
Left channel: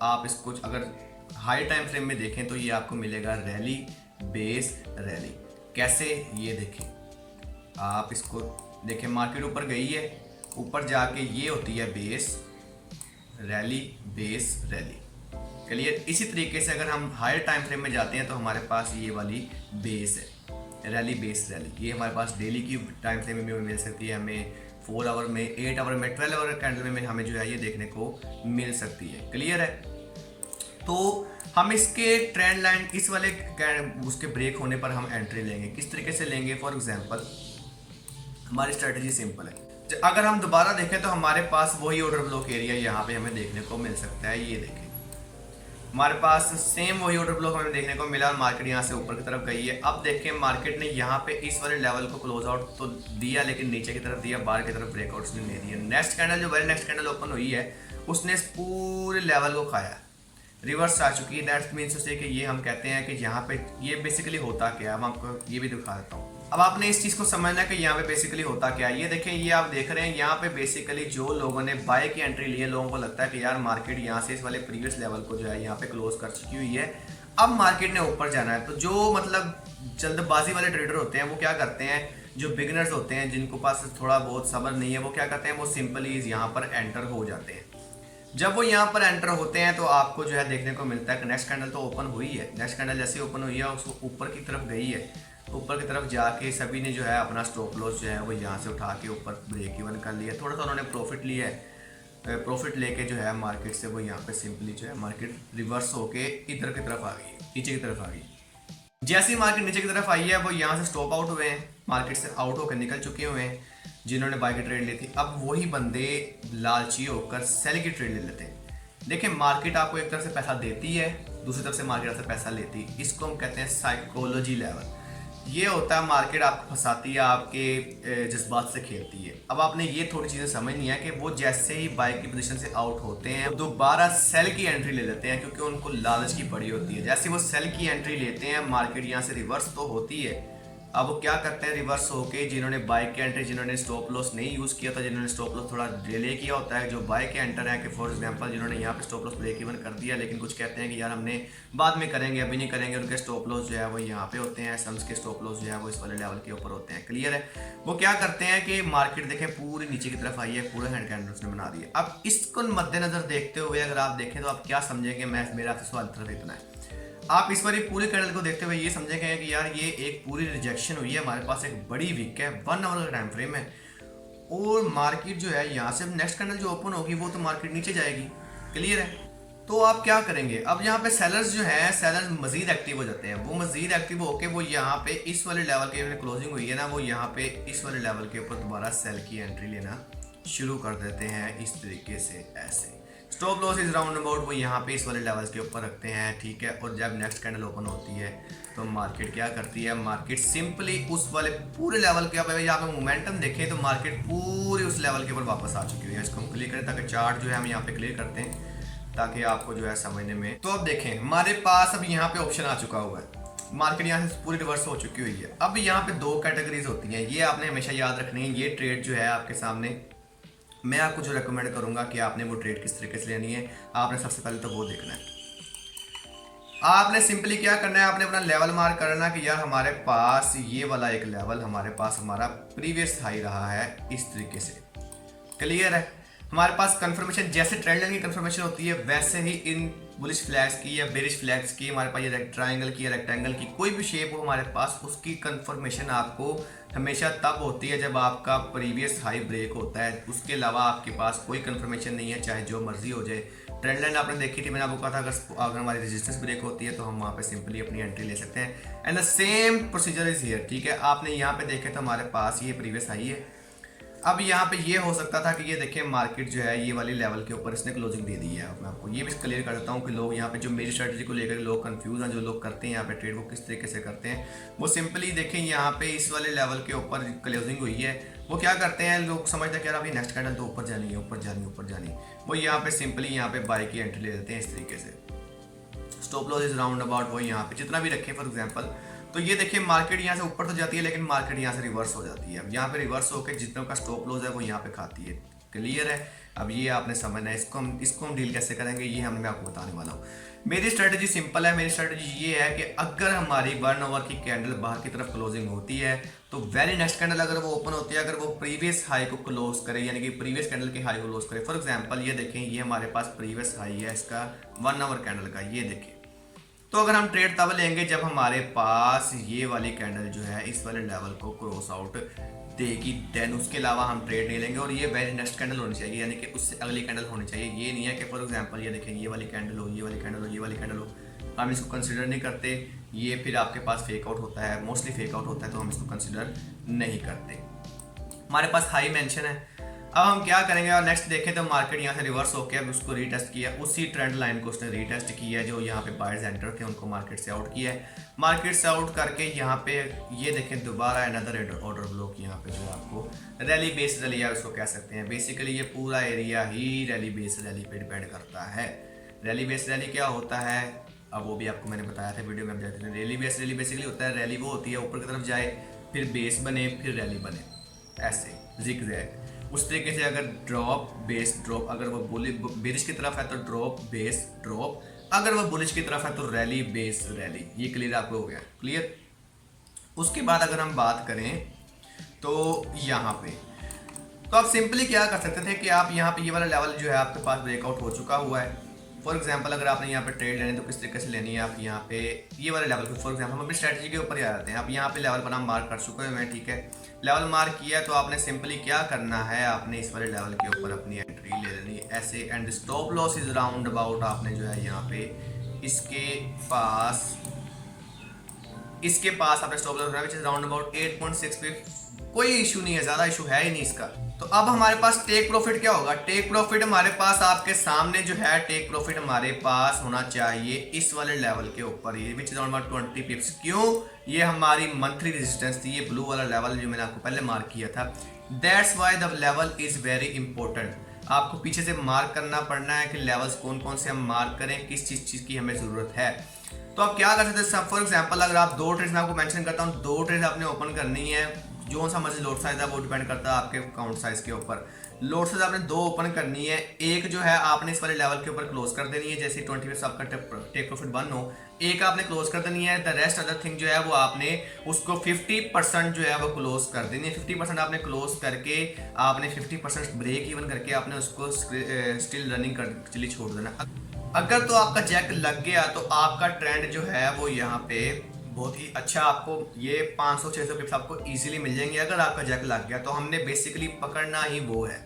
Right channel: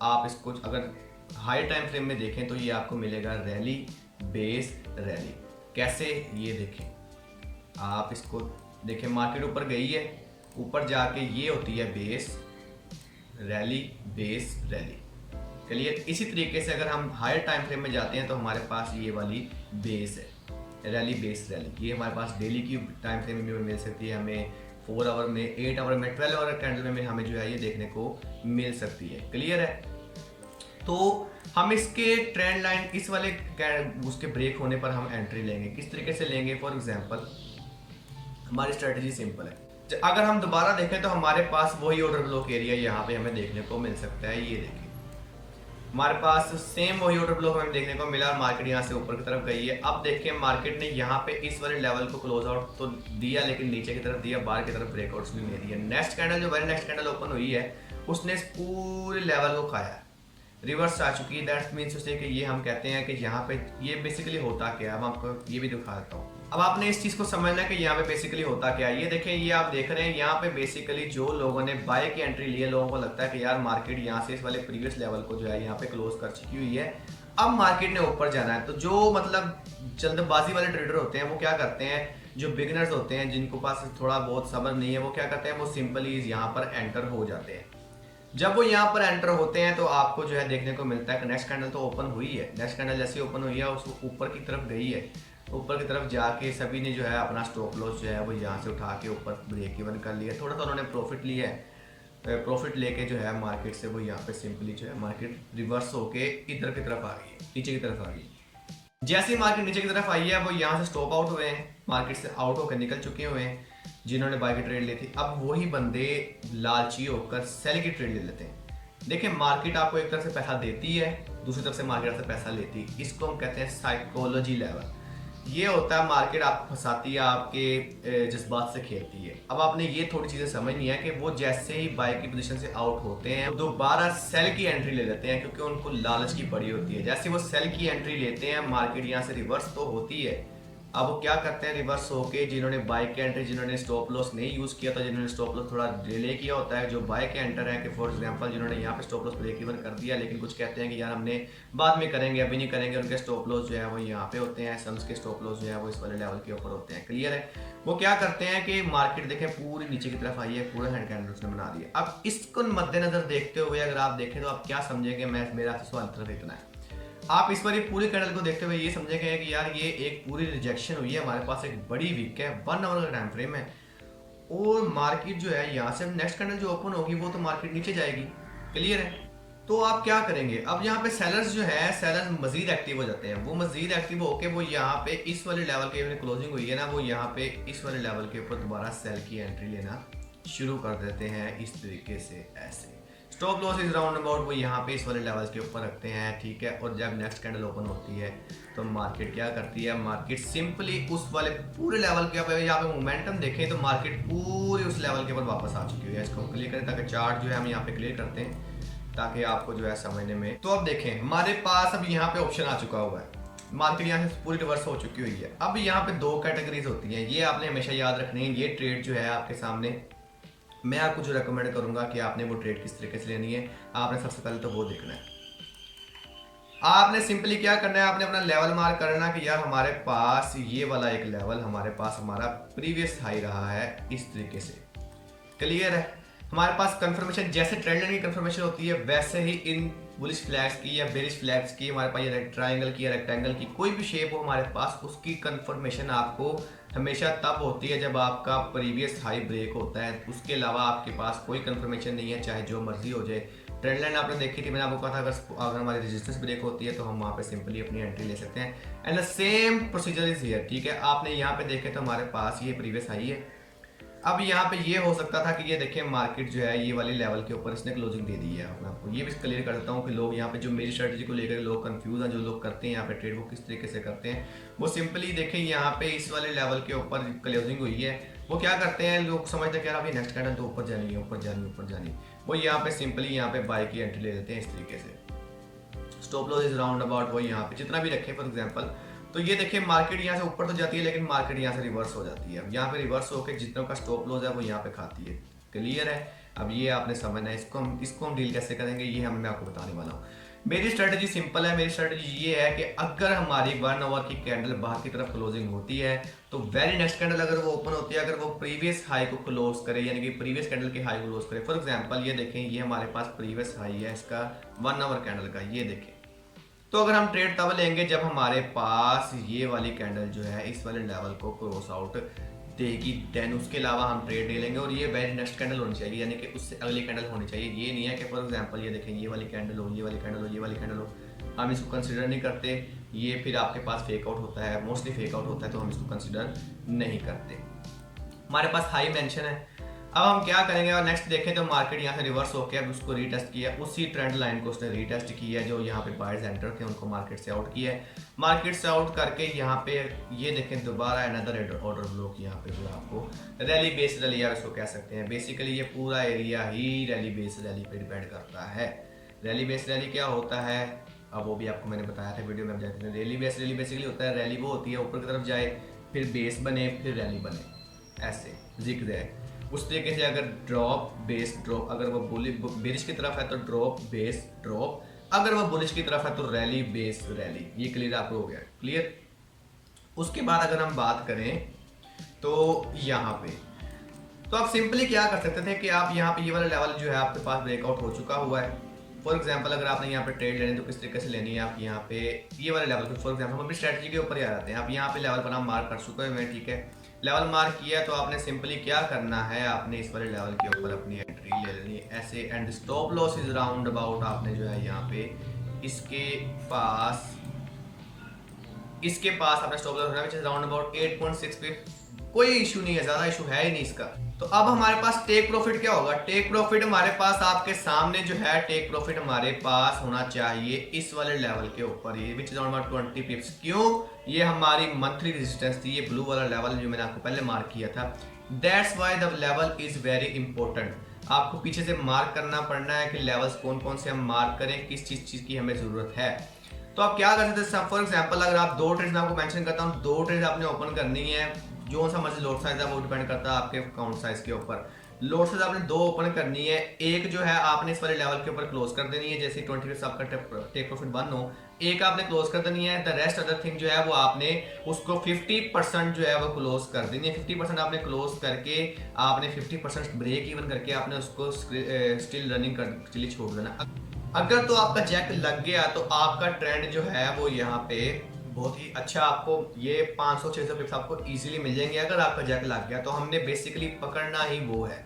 आप इसको अगर हाई टाइम फ्रेम में देखें तो ये आपको मिलेगा रैली बेस रैली। कैसे, ये देखें, आप इसको देखें, मार्केट ऊपर गई है, ऊपर जाके ये होती है base rally, base rally. Clear? इसी तरीके से अगर हम हायर टाइम फ्रेम में जाते हैं तो हमारे पास ये वाली बेस है, रैली बेस रैली। ये हमारे पास डेली की टाइम फ्रेम में मिल सकती है, हमें 4 आवर में, 8 आवर में, 12 आवर कैंडल में हमें जो है ये देखने को मिल सकती है। क्लियर है? तो हम इसके ट्रेंड लाइन इस वाले उसके ब्रेक होने पर हम एंट्री लेंगे। किस तरीके से लेंगे, फॉर एग्जाम्पल हमारी स्ट्रेटजी सिंपल है। अगर हम दोबारा देखें तो हमारे पास वही ऑर्डर ब्लॉक एरिया यहाँ पे हमें देखने को मिल सकता है। ये देखें, हमारे पास सेम वही ऑर्डर ब्लॉक हमें देखने को मिला और मार्केट यहाँ से ऊपर की तरफ गई है। अब देखें, मार्केट ने यहाँ पे इस वाले लेवल को क्लोज आउट तो दिया लेकिन नीचे की तरफ दिया, बाहर की तरफ ब्रेकआउट उसने नहीं दिया। नेक्स्ट कैंडल जो वेरी नेक्स्ट कैंडल ओपन हुई है उसने इस पूरे लेवल को खाया, रिवर्स आ चुकी है। दैट मीन्स उसे कि ये हम कहते हैं कि यहाँ पे ये बेसिकली होता क्या है। अब आपको ये भी दिखा देता हूँ। अब आपने इस चीज़ को समझना है कि यहाँ पे बेसिकली होता क्या है। ये देखें, ये आप देख रहे हैं यहाँ पे बेसिकली जो लोगों ने बाय की एंट्री ली है, लोगों को लगता है कि यार मार्केट यहाँ से इस वाले प्रीवियस लेवल को जो है यहाँ पे क्लोज कर चुकी हुई है, अब मार्केट ने ऊपर जाना है। तो जो मतलब जल्दबाजी वाले ट्रेडर होते हैं वो क्या करते हैं, जो बिगिनर्स होते हैं जिनको पास थोड़ा बहुत सब्र नहीं है, वो क्या करते हैं, वो सिंपली यहाँ पर एंटर हो जाते हैं। जब वो यहाँ पर एंटर होते हैं तो आपको जो है देखने को मिलता है कि नेक्स्ट कैंडल तो ओपन हुई है, नेक्स्ट कैंडल जैसे ओपन हुई है उसको ऊपर की तरफ गई है, ऊपर की तरफ जाके सभी ने जो है अपना स्टॉप लॉस जो है वो यहाँ से उठा के ऊपर ब्रेक इवन कर लिया। थोड़ा सा उन्होंने प्रॉफिट लिया है, प्रॉफिट लेके जो है मार्केट से वो यहाँ पे सिंपली जो है मार्केट रिवर्स होके इधर की तरफ आ गई है, नीचे की तरफ आ गई। जैसे ही मार्केट नीचे की तरफ आई है वो यहाँ से स्टॉप आउट हुए हैं, मार्केट से आउट होकर निकल चुके हुए हैं जिन्होंने बाय की ट्रेड ली थी। अब वही बंदे लालची होकर सेल की ट्रेड ले लेते हैं। देखिए, मार्केट आपको एक तरफ से पैसा देती है, दूसरी तरफ से मार्केट आपसे पैसा लेती है। इसको हम कहते हैं साइकोलॉजी लेवल। ये होता है मार्केट आपको फंसाती है, आपके जज्बात से खेलती है। अब आपने ये थोड़ी चीज़ें समझनी है कि वो जैसे ही बाय की पोजीशन से आउट होते हैं दोबारा सेल की एंट्री ले लेते हैं क्योंकि उनको लालच की पड़ी होती है। जैसे वो सेल की एंट्री लेते हैं, मार्केट यहाँ से रिवर्स तो होती है। अब वो क्या करते हैं, रिवर्स होके जिन्होंने बाय के एंट्री, जिन्होंने स्टॉप लॉस नहीं यूज़ किया था, जिन्होंने स्टॉप लॉस थोड़ा डिले किया होता है, जो बाय के एंटर है कि फॉर एग्जांपल जिन्होंने यहाँ पे स्टॉप लॉस ब्रेक इवन कर दिया लेकिन कुछ कहते हैं कि यार हमने बाद में करेंगे, अभी नहीं करेंगे, उनके स्टॉप लॉस जो है वो यहाँ पे होते हैं, सम्स के स्टॉप लॉस जो है वो इस वाले लेवल के ऊपर होते हैं। क्लियर है? वो क्या करते हैं कि मार्केट देखें पूरी नीचे की तरफ आई है, पूरा हैंड कैंडल उसने बना दिया। अब इसको मद्देनजर देखते हुए अगर आप देखें तो आप क्या समझेंगे, मेरा आपसे सवाल तरफ इतना है, आप इस बार पूरी कैंडल को देखते हुए ये समझेंगे कि यार ये एक पूरी रिजेक्शन हुई है, हमारे पास एक बड़ी वीक है, 1 आवर का टाइम फ्रेम है, और मार्केट जो है यहाँ से नेक्स्ट कैंडल जो ओपन होगी वो तो मार्केट नीचे जाएगी। क्लियर है? तो आप क्या करेंगे, अब यहाँ पे सेलर्स जो है, सेलर्स मजीद एक्टिव हो जाते हैं। वो मजीद एक्टिव होके वो यहाँ पे इस वाले लेवल के क्लोजिंग हुई है ना, वो यहाँ पे इस वाले लेवल के ऊपर दोबारा सेल की एंट्री लेना शुरू कर देते हैं इस तरीके से। ऐसे stop loss is round about वो यहाँ पे इस वाले लेवल्स के ऊपर रखते हैं, ठीक है। और जब नेक्स्ट कैंडल ओपन होती है तो मार्केट क्या करती है, मार्केट सिंपली उस वाले पूरे लेवल के, आप यहाँ पे मोमेंटम देखें तो मार्केट पूरे उस लेवल के ऊपर वापस आ चुकी है। इसको हम क्लियर करें ताकि चार्ट जो है हम यहाँ पे क्लियर करते हैं ताकि आपको जो है समझने में। तो अब देखें हमारे पास अब यहाँ पे ऑप्शन आ चुका हुआ है, मार्केट यहाँ से पूरी रिवर्स हो चुकी हुई है। अब यहाँ पे दो कैटेगरीज होती हैं, ये आपने हमेशा याद रखनी है। ये ट्रेड जो है आपके सामने, मैं आपको जो रेकमेंड करूंगा कि आपने वो ट्रेड किस तरीके से लेनी है, आपने सबसे पहले तो वो देखना है। आपने सिंपली क्या करना है, आपने अपना लेवल मार्क करना कि यार हमारे पास ये वाला एक लेवल हमारे पास हमारा प्रीवियस हाई रहा है इस तरीके से। क्लियर है? हमारे पास कंफर्मेशन, जैसे ट्रेंड लाइन की कंफर्मेशन होती है वैसे ही इन बुलिश फ्लैग्स की या बेरिश फ्लैग्स की हमारे पास ये ट्रायंगल की या रेक्टेंगल की कोई भी शेप हो हमारे पास, उसकी कंफर्मेशन आपको हमेशा तब होती है जब आपका प्रीवियस हाई ब्रेक होता है। उसके अलावा आपके पास कोई कंफर्मेशन नहीं है, चाहे जो मर्जी हो जाए। ट्रेंड लाइन आपने देखी थी, मैंने आपको कहा था अगर हमारी रेजिस्टेंस ब्रेक होती है तो हम वहाँ पे सिंपली अपनी एंट्री ले सकते हैं। And the same procedure is here, ठीक है। आपने यहाँ पे देखे तो हमारे पास ये प्रीवियस हाई है। अब यहाँ पे ये हो सकता था कि ये देखें मार्केट जो है ये वाली लेवल के ऊपर इसने क्लोजिंग दे दी है। मैं आपको ये भी क्लियर कर देता हूँ कि लोग यहाँ पे जो मेरी स्ट्रेटजी को लेकर लोग कंफ्यूज हैं, जो लोग करते हैं यहाँ पे ट्रेड वो किस तरीके से करते हैं। वो सिंपली देखें यहाँ पे इस वाले लेवल के ऊपर क्लोजिंग हुई है, वो क्या करते हैं, लोग समझते हैं कि यार अभी नेक्स्ट कैंडल तो ऊपर जानी है, ऊपर जानी, ऊपर जानी। वो यहाँ पे सिंपली यहाँ पे बाय की एंट्री ले लेते हैं इस तरीके से। Stop loss is round about वो यहाँ पे जितना भी रखे फॉर एग्जाम्पल। तो ये देखिए मार्केट यहाँ से ऊपर तो जाती है लेकिन मार्केट यहाँ से रिवर्स हो जाती है। अब यहाँ पे रिवर्स होकर जितना का स्टॉप लॉस है वो यहाँ पे खाती है। क्लियर है? अब ये आपने समझना है, इसको हम डील कैसे करेंगे ये मैं आपको बताने वाला हूँ। मेरी स्ट्रेटजी सिंपल है। मेरी स्ट्रेटजी ये है कि अगर हमारी 1 आवर की कैंडल बाहर की तरफ क्लोजिंग होती है तो वेरी नेक्स्ट कैंडल अगर वो ओपन होती है, अगर वो प्रीवियस हाई को क्लोज करे, यानी कि प्रीवियस कैंडल के हाई को क्लोज करे। फॉर एग्जांपल ये देखें, ये हमारे पास प्रीवियस हाई है इसका 1 आवर कैंडल का, ये देखें। तो अगर हम ट्रेड तब लेंगे जब हमारे पास ये वाली कैंडल जो है इस वाले लेवल को क्रॉस आउट देगी, देन उसके अलावा हम ट्रेड ले लेंगे। और ये वेरी नेक्स्ट कैंडल होनी चाहिए, यानी कि उससे अगली कैंडल होनी चाहिए। ये नहीं है कि फॉर एग्जांपल ये देखें ये वाली कैंडल हो, ये वाली कैंडल हो, ये वाली कैंडल हो, हम इसको कंसिडर नहीं करते। ये फिर आपके पास फेक आउट होता है, मोस्टली फेक आउट होता है, तो हम इसको कंसिडर नहीं करते। हमारे पास हाई मेंशन है। अब हम क्या करेंगे, और नेक्स्ट देखें तो मार्केट यहाँ से रिवर्स होकर अब उसको रीटेस्ट किया, उसी ट्रेंड लाइन को उसने रीटेस्ट किया जो यहाँ पे बायर्स एंटर थे उनको मार्केट से आउट किया है। मार्केट से आउट करके यहाँ पे ये देखें दोबारा अनदर ऑर्डर ब्लॉक यहाँ पे जो है आपको रैली बेस्ड रैली आप इसको कह सकते हैं। बेसिकली ये पूरा एरिया ही रैली बेस्ड रैली पे डिपेंड करता है। रैली बेस्ड रैली क्या होता है, अब वो भी आपको मैंने बताया था वीडियो में। रैली बेस्ड रैली बेसिकली होता है, रैली वो होती है ऊपर की तरफ जाए फिर बेस बने फिर रैली बने, ऐसे जिग-जैग। उस तरीके से अगर ड्रॉप बेस ड्रॉप, अगर वो बेरिश की तरफ है तो ड्रॉप बेस ड्रॉप, अगर वो बुलिश की तरफ है तो रैली बेस रैली। ये क्लियर आपको हो गया? क्लियर। उसके बाद अगर हम बात करें तो यहाँ पे तो आप सिंपली क्या कर सकते थे कि आप यहाँ पे ये वाला लेवल जो है आपके पास ब्रेकआउट हो चुका हुआ है। फॉर एग्जांपल अगर आपने यहाँ पे ट्रेड लेनी तो किस तरीके से लेनी है, आप यहाँ पे ये वाले लेवल पे, फॉर एग्जांपल हम अपनी स्ट्रेटजी के ऊपर ही आ जाते हैं। आप यहाँ पे लेवल बना मार्क कर चुके हैं, ठीक है। लेवल मार्क किया तो आपने सिंपली क्या करना है, आपने इस वाले लेवल के ऊपर अपनी एंट्री ले लेनी है ऐसे। And stop loss is round about, आपने जो है यहाँ पे इसके पास आपने स्टॉप लॉस रखना है राउंड अबाउट 8.6 पे। कोई इशू नहीं है, ज़्यादा इशू है ही नहीं इसका। तो अब हमारे पास टेक प्रॉफिट क्या होगा, टेक प्रॉफिट हमारे पास आपके सामने जो है टेक प्रॉफिट हमारे पास होना चाहिए इस वाले लेवल के ऊपर, ये विच इज अराउंड अबाउट 20 पिप्स। क्यों? ये हमारी मंथली रेजिस्टेंस थी, ये ब्लू वाला लेवल जो मैंने आपको पहले मार्क किया था। That's why the level is very important. आपको पीछे से मार्क करना पड़ना है कि लेवल्स कौन कौन से हम मार्क करें, किस चीज़ की हमें ज़रूरत है। तो आप क्या कर सकते हैं, फॉर एग्जाम्पल अगर आप 2 ट्रेड्स मैं आपको मेंशन करता हूँ, 2 ट्रेड्स आपने ओपन करनी है। जो सा मर्जी लोड साइज है वो डिपेंड करता है आपके अकाउंट साइज के ऊपर। लोड साइज आपने 2 ओपन करनी है, एक जो है आपने इस वाले लेवल के ऊपर क्लोज कर देनी है, जैसे 20 पिप्स आपका टेक प्रॉफिट 1 हो, एक आपने क्लोज कर देनी है। द रेस्ट अदर थिंग जो है वो आपने उसको 50% जो है वो क्लोज कर देनी है। 50% आपने क्लोज करके आपने 50% ब्रेक इवन करके आपने उसको स्टिल रनिंग कर चली छोड़ देना। अगर तो आपका जैक लग गया तो आपका ट्रेंड जो है वो यहाँ पे बहुत ही अच्छा आपको ये 500-600 पिप्स आपको इजीली मिल जाएंगे अगर आपका जैक लग गया। तो हमने बेसिकली पकड़ना ही वो है।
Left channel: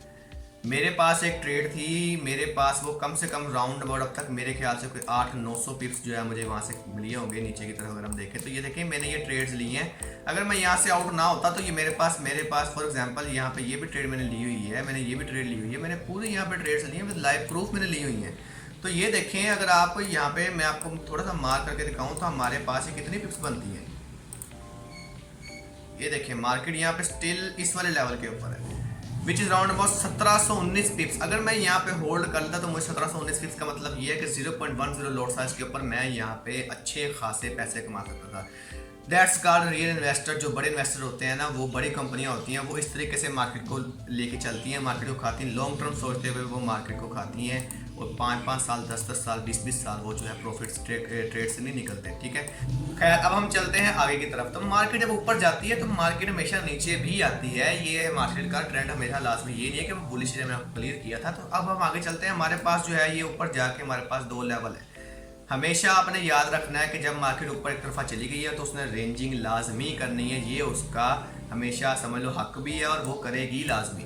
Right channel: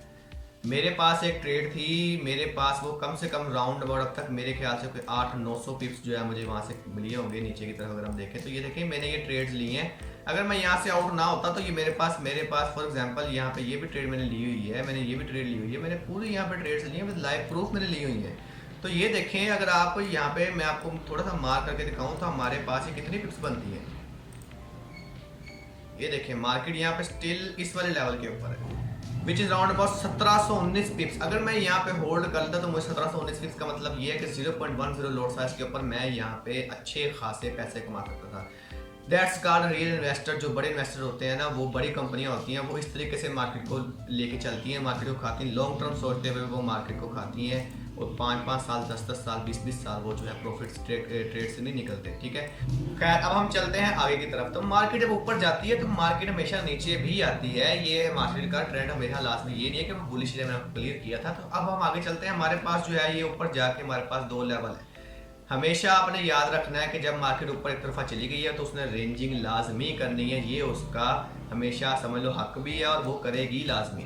मेरे पास एक ट्रेड थी, मेरे पास वो कम से कम राउंड अबाउट अब तक मेरे ख्याल से कोई 800-900 पिप्स जो है मुझे वहाँ से लिए होंगे नीचे की तरफ। अगर हम देखें तो ये देखें मैंने ये ट्रेड्स लिए हैं। अगर मैं यहाँ से आउट ना होता तो ये मेरे पास फॉर एग्जांपल यहाँ पे ये भी ट्रेड मैंने ली हुई है, मैंने ये भी ट्रेड ली हुई है, मैंने पूरी यहाँ पे ट्रेड्स ली हैं विद लाइव प्रूफ मैंने ली हुई हैं। तो ये देखें, अगर आप यहाँ पे मैं आपको थोड़ा सा मार्क करके दिखाऊँ तो हमारे पास ये कितनी पिप्स बनती हैं। ये देखें मार्केट यहाँ पे स्टिल इस वाले लेवल के ऊपर है विच इज राउंड अबाउट 1719 पिप्स। अगर मैं यहाँ पे होल्ड कर लेता तो मुझे 1719 पिप्स का मतलब ये है कि 0.10 लोड साइज के ऊपर मैं यहाँ पे अच्छे खासे पैसे कमा सकता था। That's called real investor. जो बड़े इन्वेस्टर होते हैं ना, वो बड़ी कंपनियां होती हैं, वो इस तरीके से मार्केट को लेके चलती हैं, मार्केट को खाती हैं, लॉन्ग टर्म सोचते हुए वो मार्केट को खाती हैं और 5-5 साल 10-10 साल 20-20 साल वो जो है प्रॉफिट ट्रेड से नहीं निकलते। ठीक है, खैर अब हम चलते हैं आगे की तरफ। तो मार्केट जब ऊपर जाती है तो मार्केट हमेशा नीचे भी आती है। ये मार्केट का ट्रेंड हमेशा लास्ट में ये नहीं है कि वो बुलिश मैंने आपको क्लियर किया था। तो अब हम आगे चलते हैं। हमारे पास जो है ये ऊपर जाके हमारे पास 2 लेवल है। हमेशा आपने याद रखना है कि जब मार्केट ऊपर एक तरफा चली गई है तो उसने रेंजिंग लाजमी करनी है। ये उसका हमेशा समझ लो हक भी है और वो करेगी लाजमी।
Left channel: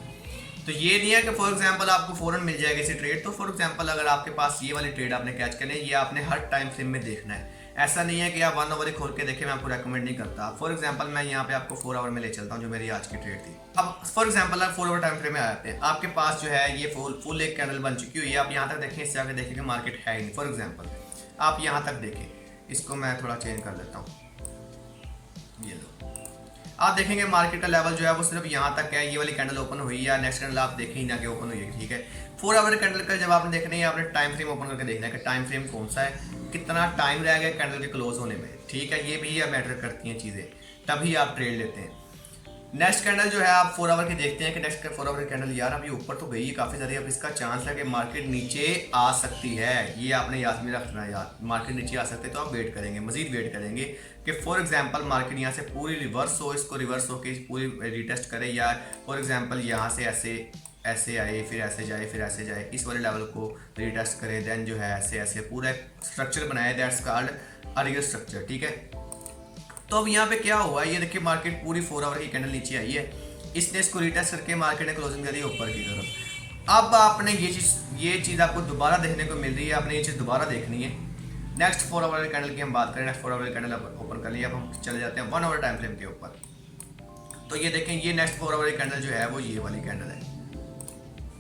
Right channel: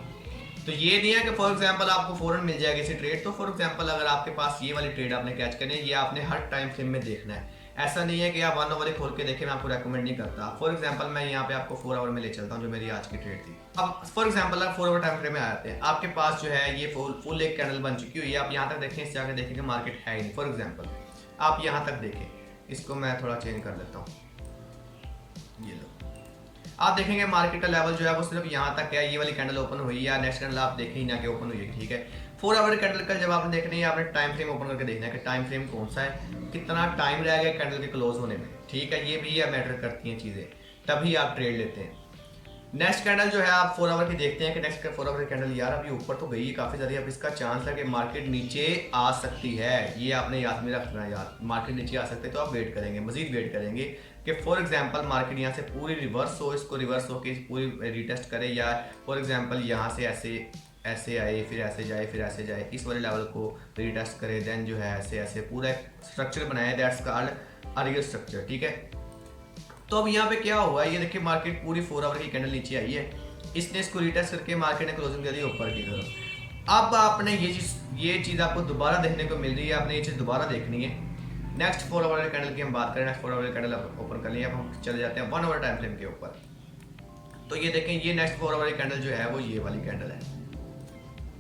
तो ये नहीं है कि फॉर एग्जांपल आपको फ़ौरन मिल जाएगी इसी ट्रेड। तो फॉर एग्जांपल अगर आपके पास ये वाली ट्रेड आपने कैच करनी है, ये आपने हर टाइम फ्रेम में देखना है। ऐसा नहीं है कि आप 1 आवर खोल के देखें, मैं आपको रेकमेंड नहीं करता। फॉर एग्जांपल मैं यहाँ पे आपको 4 आवर में ले चलता हूँ जो मेरी आज की ट्रेड थी। अब फॉर एग्जांपल आप 4 आवर टाइम फ्रेम में आ जाते हैं, आपके पास जो है ये फुल एक कैंडल बन चुकी हुई है। आप यहाँ तक देखें, इससे आगे देखें कि मार्केट है ही नहीं। फॉर एग्जाम्पल आप यहाँ तक देखें, इसको मैं थोड़ा चेंज कर देता हूँ, ये लो आप देखेंगे मार्केट का लेवल जो है वो सिर्फ यहाँ तक है। ये वाली कैंडल ओपन हुई है, नेक्स्ट कैंडल आप देखें ही ना कि ओपन हुई है। ठीक है, 4 आवर कैंडल का जब आपने देखना है, आपने टाइम फ्रेम ओपन करके देखना है कि टाइम फ्रेम कौन सा है, कितना टाइम रह गया कैंडल के क्लोज होने में। ठीक है, ये भी मैटर करती हैं चीज़ें, तभी आप ट्रेड लेते हैं। नेक्स्ट कैंडल जो है आप 4 आवर की देखते हैं कि नेक्स्ट 4 आवर की कैंडल यार अब ये ऊपर तो गई है काफ़ी ज़्यादा, अब इसका चांस है कि मार्केट नीचे आ सकती है। ये आपने याद में रखना है यार, मार्केट नीचे आ सकते है तो आप वेट करेंगे, मजीद वेट करेंगे कि फॉर एग्जांपल मार्केट यहाँ से पूरी रिवर्स हो, इसको रिवर्स हो के पूरी रिटेस्ट करे, या फॉर एग्जांपल यहाँ से ऐसे आए, फिर ऐसे जाए, फिर ऐसे जाए, इस वाले लेवल को रिटेस्ट करें, देन जो है ऐसे पूरा स्ट्रक्चर बनाया, that's called a real structure. ठीक है, तो अब यहाँ पे क्या हुआ, ये देखिए मार्केट पूरी 4 आवर की कैंडल नीचे आई है, इसने इसको रिटेस्ट करके मार्केट ने क्लोजिंग दे दी ऊपर की तरफ। अब आपने ये चीज़ आपको दोबारा देखने को मिल रही है, आपने ये चीज़ दोबारा देखनी है। नेक्स्ट 4 आवर कैंडल की हम बात करें, नेक्स्ट 4 आवर कैंडल ओपन कर लिया। अब हम चले जाते हैं 1 आवर टाइम फ्रेम के ऊपर। तो ये देखें, ये नेक्स्ट 4 आवर कैंडल जो है वो ये वाली कैंडल है,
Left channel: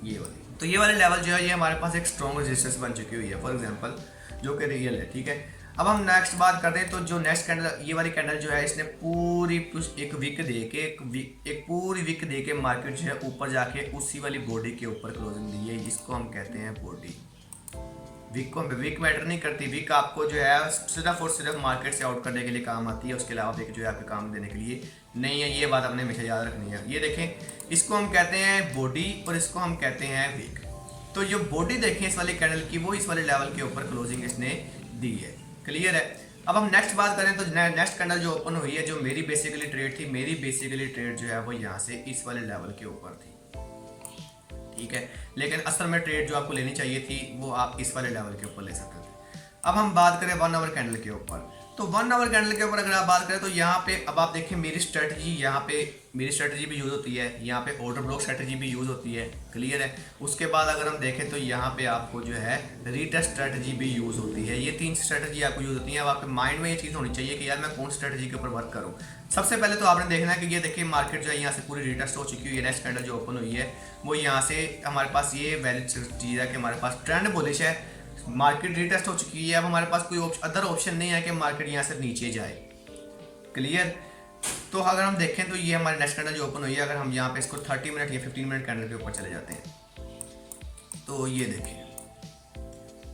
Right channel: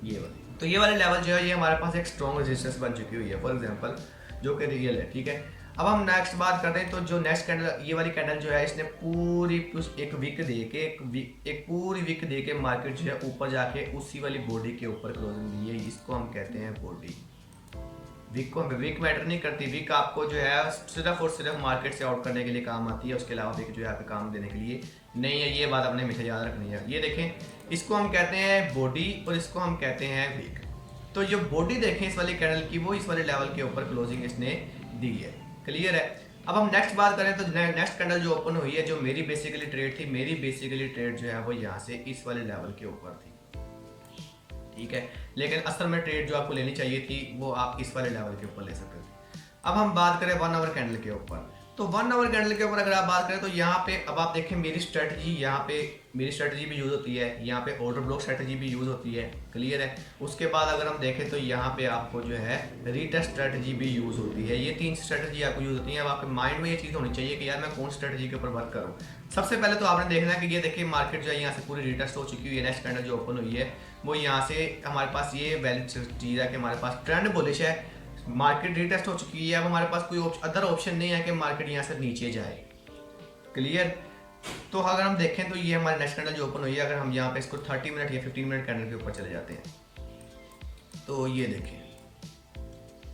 ये वाली। तो ये वाले लेवल जो है ये हमारे पास एक स्ट्रॉन्ग रेजिस्टेंस बन चुकी हुई है फॉर एग्जांपल, जो कि रियल है। ठीक है, अब हम नेक्स्ट बात करते हैं। तो जो नेक्स्ट कैंडल, ये वाली कैंडल जो है, इसने पूरी एक वीक दे के एक पूरी वीक दे के मार्केट जो है ऊपर जाके उसी वाली बॉडी के ऊपर क्लोजिंग दी है। इसको हम कहते हैं बॉडी। वीक को वीक मैटर नहीं करती, वीक आपको जो है सिर्फ और सिर्फ मार्केट से आउट करने के लिए काम आती है, उसके अलावा वीक जो है आपके काम देने के लिए नहीं है। ये बात आपने हमेशा याद रखनी है। ये देखें, इसको हम कहते हैं बॉडी और इसको हम कहते हैं वीक। तो जो बॉडी देखें इस वाली कैंडल की, वो इस वाले लेवल के ऊपर क्लोजिंग इसने दी है। क्लियर है। अब हम नेक्स्ट बात करें तो नेक्स्ट कैंडल जो ओपन हुई है, जो मेरी बेसिकली ट्रेड थी, मेरी बेसिकली ट्रेड जो है वो यहाँ से इस वाले लेवल के ऊपर थी। ठीक है, लेकिन असल में ट्रेड जो आपको लेनी चाहिए थी वो आप इस वाले लेवल के ऊपर ले सकते थे। अब हम बात करें 1 आवर कैंडल के ऊपर। तो 1 आवर कैंडल के ऊपर अगर आप बात करें तो यहाँ पे अब आप देखें मेरी स्ट्रेटजी, यहाँ पे मेरी स्ट्रेटजी भी यूज़ होती है, यहाँ पे ऑर्डर ब्लॉक स्ट्रेटजी भी यूज़ होती है। क्लियर है। उसके बाद अगर हम देखें तो यहाँ पे आपको जो है रीटेस्ट स्ट्रेटजी भी यूज़ होती है। ये 3 स्ट्रेटजी आपको यूज़ होती है। अब आपके माइंड में ये चीज़ होनी चाहिए कि यार मैं कौन स्ट्रेटजी के ऊपर वर्क करूँ। सबसे पहले तो आपने देखना है कि ये देखिए मार्केट जो है यहाँ से पूरी रीटेस्ट हो चुकी हुई है। नेक्स्ट कैंडल जो ओपन हुई है वो यहाँ से हमारे पास ये वैलिड चीज़ है कि हमारे पास ट्रेंड बुलिश है, मार्केट रीटेस्ट हो चुकी है। अब हमारे पास कोई अदर ऑप्शन नहीं है कि मार्केट यहाँ से नीचे जाए। क्लियर। तो अगर हम देखें तो ये हमारे नेक्स्ट कैंडल जो ओपन हुई है, अगर हम यहाँ पे इसको 30 मिनट या 15 मिनट कैंडल के ऊपर चले जाते हैं तो ये देखें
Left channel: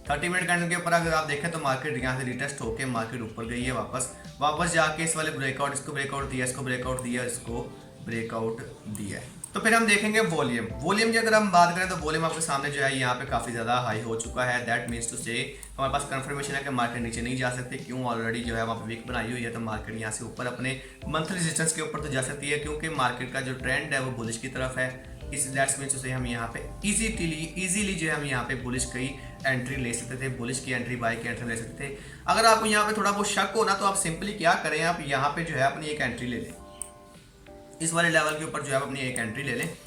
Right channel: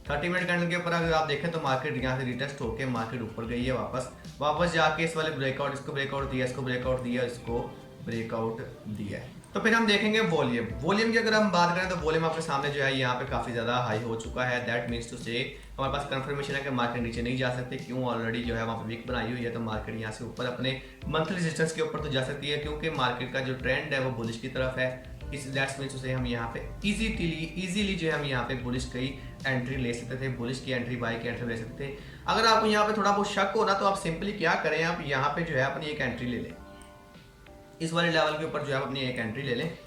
30 मिनट कैंडल के ऊपर अगर आप देखें तो मार्केट यहाँ से रिटेस्ट होकर मार्केट ऊपर गई है, वापस जाके इस वाले ब्रेकआउट, इसको ब्रेकआउट दिया, इसको ब्रेकआउट दिया, इसको ब्रेकआउट दिया है। तो फिर हम देखेंगे वॉल्यूम की अगर हम बात करें तो वॉल्यूम आपके सामने जो है यहाँ पे काफ़ी ज़्यादा हाई हो चुका है। दैट मीन्स टू से हमारे पास कंफर्मेशन है कि मार्केट नीचे नहीं जा सकती। क्यों? ऑलरेडी जो है वहाँ पे वीक बनाई हुई है, तो मार्केट यहाँ से ऊपर अपने मंथली रेजिस्टेंस के ऊपर तो जा सकती है, क्योंकि मार्केट का जो ट्रेंड है वो बुलिश की तरफ है। इस दैट्स मीन्स उसे हम यहाँ पे इजीली जो है हम यहाँ पे बुलिश की एंट्री ले सकते थे, बुलिश की एंट्री, बाय की एंट्री ले सकते थे। अगर आपको यहाँ पे थोड़ा बहुत शक हो ना, तो आप सिंपली क्या करें, आप यहाँ पे जो है अपनी एक एंट्री ले लें, इस वाले लेवल के ऊपर जो है अपनी एक एंट्री ले लें।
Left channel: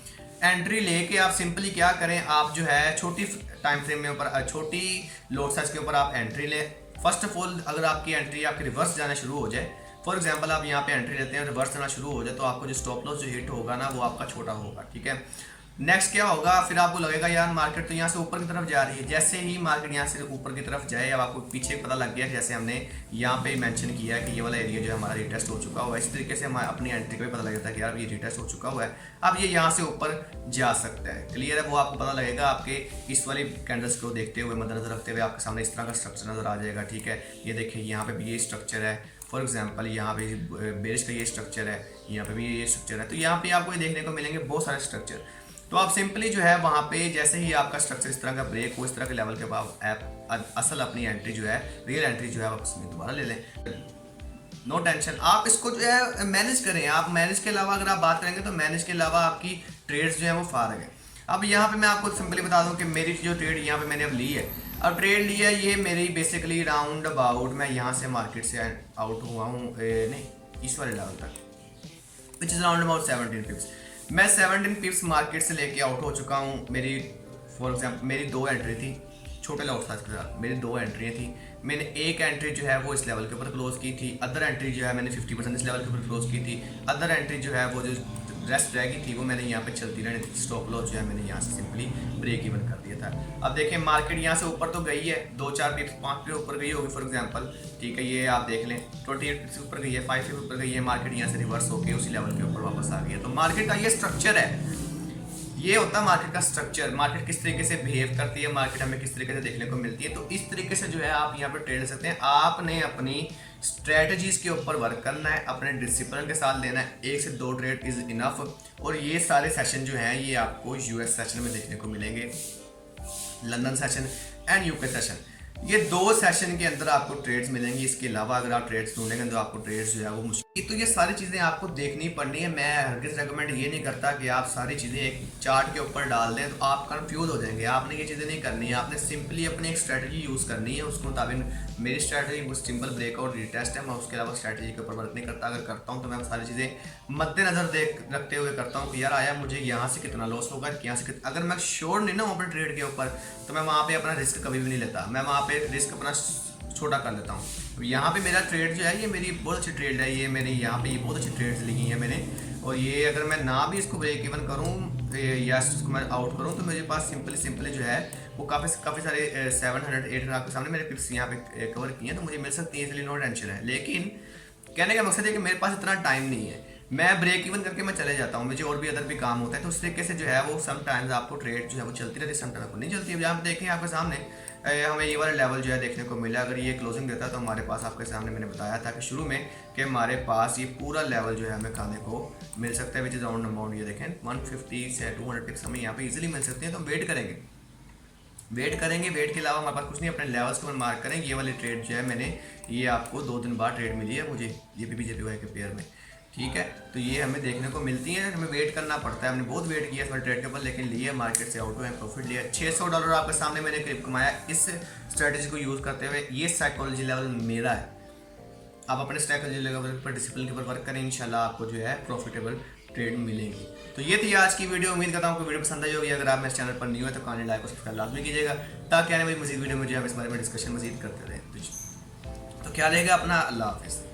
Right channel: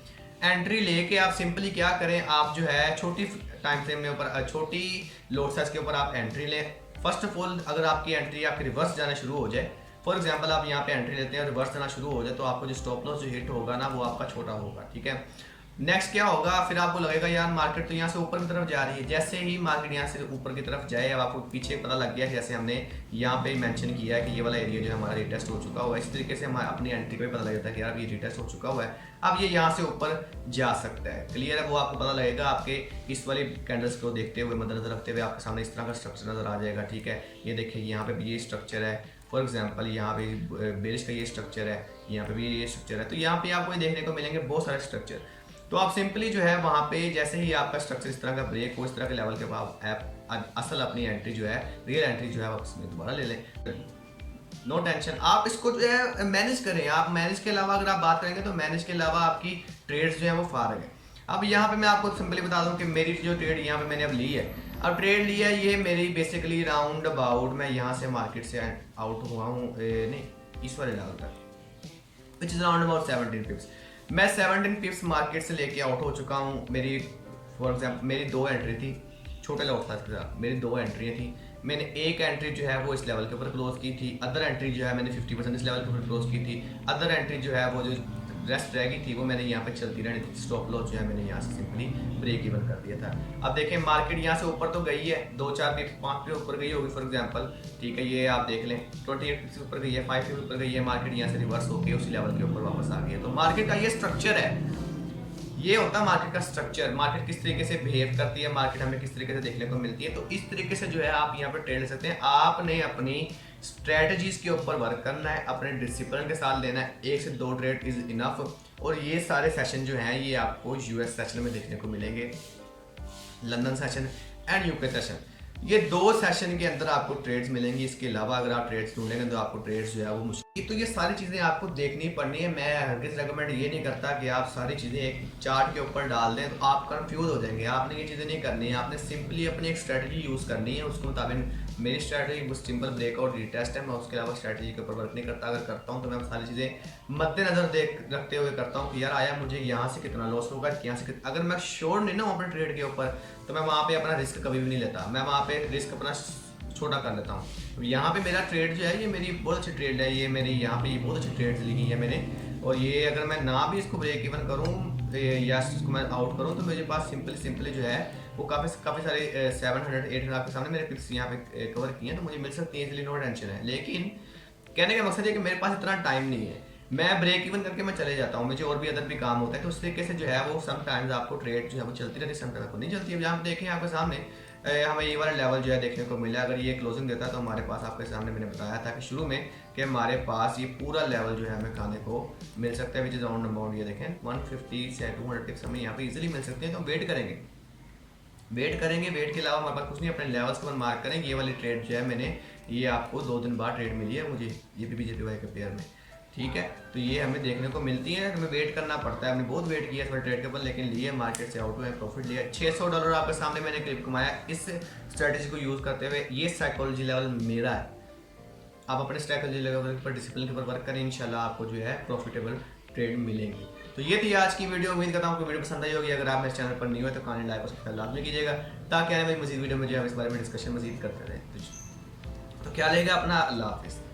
एंट्री लेके आप सिंपली क्या करें, आप जो है छोटी टाइम फ्रेम में ऊपर, छोटी लोड साइज के ऊपर आप एंट्री लें। फर्स्ट ऑफ ऑल अगर आपकी एंट्री आपकी रिवर्स जाना शुरू हो जाए, फॉर एग्जांपल आप यहाँ पे एंट्री लेते हैं और रिवर्स जाना शुरू हो जाए, तो आपको जो स्टॉप लॉस जो हिट होगा ना वो आपका छोटा होगा, ठीक है। नेक्स्ट क्या होगा, फिर आपको लगेगा यार मार्केट तो यहाँ से ऊपर की तरफ जा रही है। जैसे ही मार्केट यहाँ से ऊपर की तरफ जाए, अब आपको पीछे पता लग गया, जैसे हमने यहाँ पे मेंशन किया है कि ये वाला एरिया जो है हमारा रिटेस्ट हो चुका हुआ है, इस तरीके से हमारे अपनी एंट्री को भी पता लग जाता है कि यार ये रिटेस्ट हो चुका हुआ है, अब ये यहाँ से ऊपर जा सकता है। क्लियर है, वो आपको पता लगेगा आपके इस वाली कैंडल्स को देखते हुए, मद्देनजर रखते हुए आपके सामने इस तरह का स्ट्रक्चर नजर आ जाएगा, ठीक है। ये देखिए यहाँ पे भी ये स्ट्रक्चर है, फॉर एग्जाम्पल यहाँ पे बेरिश का ये स्ट्रक्चर है, यहाँ पे भी ये स्ट्रक्चर है, तो यहाँ पे आपको देखने को मिलेंगे बहुत सारे स्ट्रक्चर। तो आप सिंपली जो है वहाँ पे जैसे ही आपका स्ट्रक्चर इस तरह का ब्रेक हो, इस तरह के लेवल के बाद आप असल अपनी एंट्री जो है, रियल एंट्री जो है आप उसमें दोबारा ले लें, नो टेंशन। आप इसको जो है मैनेज करें, आप मैनेज के अलावा अगर आप बात करेंगे तो मैनेज के अलावा आपकी ट्रेड्स जो है वो फारग है। अब यहाँ पे मैं आपको सिंपली बता दूँ कि मेरी जो ट्रेड यहाँ पे मैंने अब ली है, अब ट्रेड ली है, ये मेरी बेसिकली राउंड अबाउट मैं यहाँ से मार्केट से आउट हुआ हूँ, नहीं इस वाले लेवल तक, विच इज़ राउंड अबाउट 17 पिप्स। मैं 17 पिप्स मार्केट से लेके आउट हो चुका हूँ। मेरी फॉर एग्जाम्पल मेरी 2 एंट्री थी छोटे लॉट साइज के साथ, मेरी 2 एंट्रियाँ थी। मैंने एक एंट्री जो है वो इस लेवल के ऊपर क्लोज की थी, अदर एंट्री जो है मैंने 50% इस लेवल के ऊपर क्लोज की थी, अदर एंट्री जो है वो जो रेस्ट रह गई थी वो मैंने यहाँ पे चलती रहनी थी। स्टॉप लॉस जो है मैंने यहाँ से सिंपली ब्रेक इवन कर दिया था। अब देखें मार्केट यहाँ से ऊपर तो गई है, 2-4 पिप्स 5 पिप्स ऊपर गई होगी फॉर एग्जांपल, ठीक है। ये आप देख लें 28 पिप्स ऊपर गई है, 5 पिप्स ऊपर गई है, मार्केट यहाँ से रिवर्स होकर उसी लेवल के ऊपर वापस आ गई है। तो मार्केट का ये स्ट्रक्चर है, ये होता है मार्केट का स्ट्रक्चर। मार्केट किस तरीके से बिहेव करती है, मार्केट हमें किस तरीके से देखने को मिलती है, तो इस तरीके से जो है आप यहाँ पर ट्रेड ले सकते हैं। आपने अपनी स्ट्रेटजीज के ऊपर वर्क करना है, अपने डिसिप्लिन के साथ लेना है, 1 से 2 ट्रेड इज इनफ। और ये सारे सेशन जो हैं ये आपको यूएस सेशन में देखने को मिलेंगे, London session and UK session, ये 2 सेशन के अंदर आपको ट्रेड्स मिलेंगी। इसके अलावा अगर आप ट्रेड्स ढूंढेंगे तो आपको ट्रेड्स जो है वो मुश्किल। तो ये सारी चीज़ें आपको देखनी पड़नी है। मैं हरगिज़ रेकमेंड ये नहीं करता कि आप सारी चीज़ें एक चार्ट के ऊपर डाल दें तो आप कंफ्यूज हो जाएंगे। आपने ये चीज़ें नहीं करनी है, आपने सिंपली अपनी एक स्ट्रैटेजी यूज़ करनी है। उसके मुताबिक मेरी स्ट्रैटेजी वो सिंपल ब्रेकआउट रिटेस्ट है, मैं उसके अलावा स्ट्रैटेजी के ऊपर वर्क नहीं करता। अगर करता हूँ तो मैं सारी चीज़ें मद्देनजर रखते हुए करता हूँ कि यार आया मुझे यहाँ से कितना लॉस होगा, यहाँ से अगर मैं श्योर नहीं ना हूँ अपने ट्रेड के ऊपर तो मैं वहाँ पे अपना रिस्क कभी भी नहीं लेता, मैं वहाँ पे रिस्क अपना छोटा कर लेता हूँ। अब यहाँ पे मेरा ट्रेड जो है ये मेरी बहुत अच्छी ट्रेड है, ये मेरी यहाँ पे ये बहुत अच्छी ट्रेड्स लिखी है मैंने, और ये अगर मैं ना भी इसको ब्रेक इवन करूँ या इसको मैं आउट करूँ तो मेरे पास सिंपली जो है वो काफ़ी सारे 700-800 आपके सामने मेरे पिप्स यहाँ पे कवर किए हैं, तो मुझे मिल सकती है, इसलिए नो टेंशन है। लेकिन कहने का मकसद है कि मेरे पास इतना टाइम नहीं है, मैं ब्रेक इवन करके मैं चले जाता हूँ, मुझे और भी अदर भी काम होता है। तो उस तरीके से जो है वो समटाइम्स आपको ट्रेड जो है वो चलती रहती है, समटाइम्स आपको नहीं चलती है। जहाँ पे देखें आपके सामने हमें ये वाला लेवल जो है देखने को मिला, अगर ये क्लोजिंग देता है तो हमारे पास आपके सामने मैंने बताया था कि शुरू में कि हमारे पास ये पूरा लेवल जो है हमें खाने को मिल सकता है, विच इज राउंड अबाउट ये देखें 150 से 200 टिप्स हमें यहाँ पे इजीली मिल सकती है। तो वेट करेंगे, वेट के अलावा हमारे पास कुछ नहीं, अपने लेवल्स को मार्क करेंगे। ये वाली ट्रेड जो है मैंने ये आपको 2 दिन बाद ट्रेड मिली है मुझे ये JPY के पेयर में, ठीक है। तो ये हमें देखने को मिलती है, हमें वेट करना पड़ता है। हमने बहुत वेट किया इस वाले ट्रेड के ऊपर, लेकिन लिए मार्केट से आउट हुए, प्रॉफिट लिया। $600 आपके सामने मैंने करीब कमाया इस स्ट्रेटजी को यूज़ करते हुए। ये साइकोलॉजी लेवल मेरा है, आप अपने साइकोलॉजी लेवल पर डिसिप्लिन के ऊपर वर्क करें, इंशाल्लाह आपको जो है प्रॉफिटेबल ट्रेड मिलेंगी। तो ये थी आज की वीडियो, उम्मीद करता हूँ आपको वीडियो पसंद आई होगी। अगर आप मेरे चैनल पर नहीं हो तो काइंडली लाइक और सब्सक्राइब लाजमी कीजिएगा, ताकि आने वाली मजीद वीडियो में जो है इस बारे में डिस्कशन मजीद करते रहें। तो क्या रहेगा अपना, अल्लाह हाफिज़।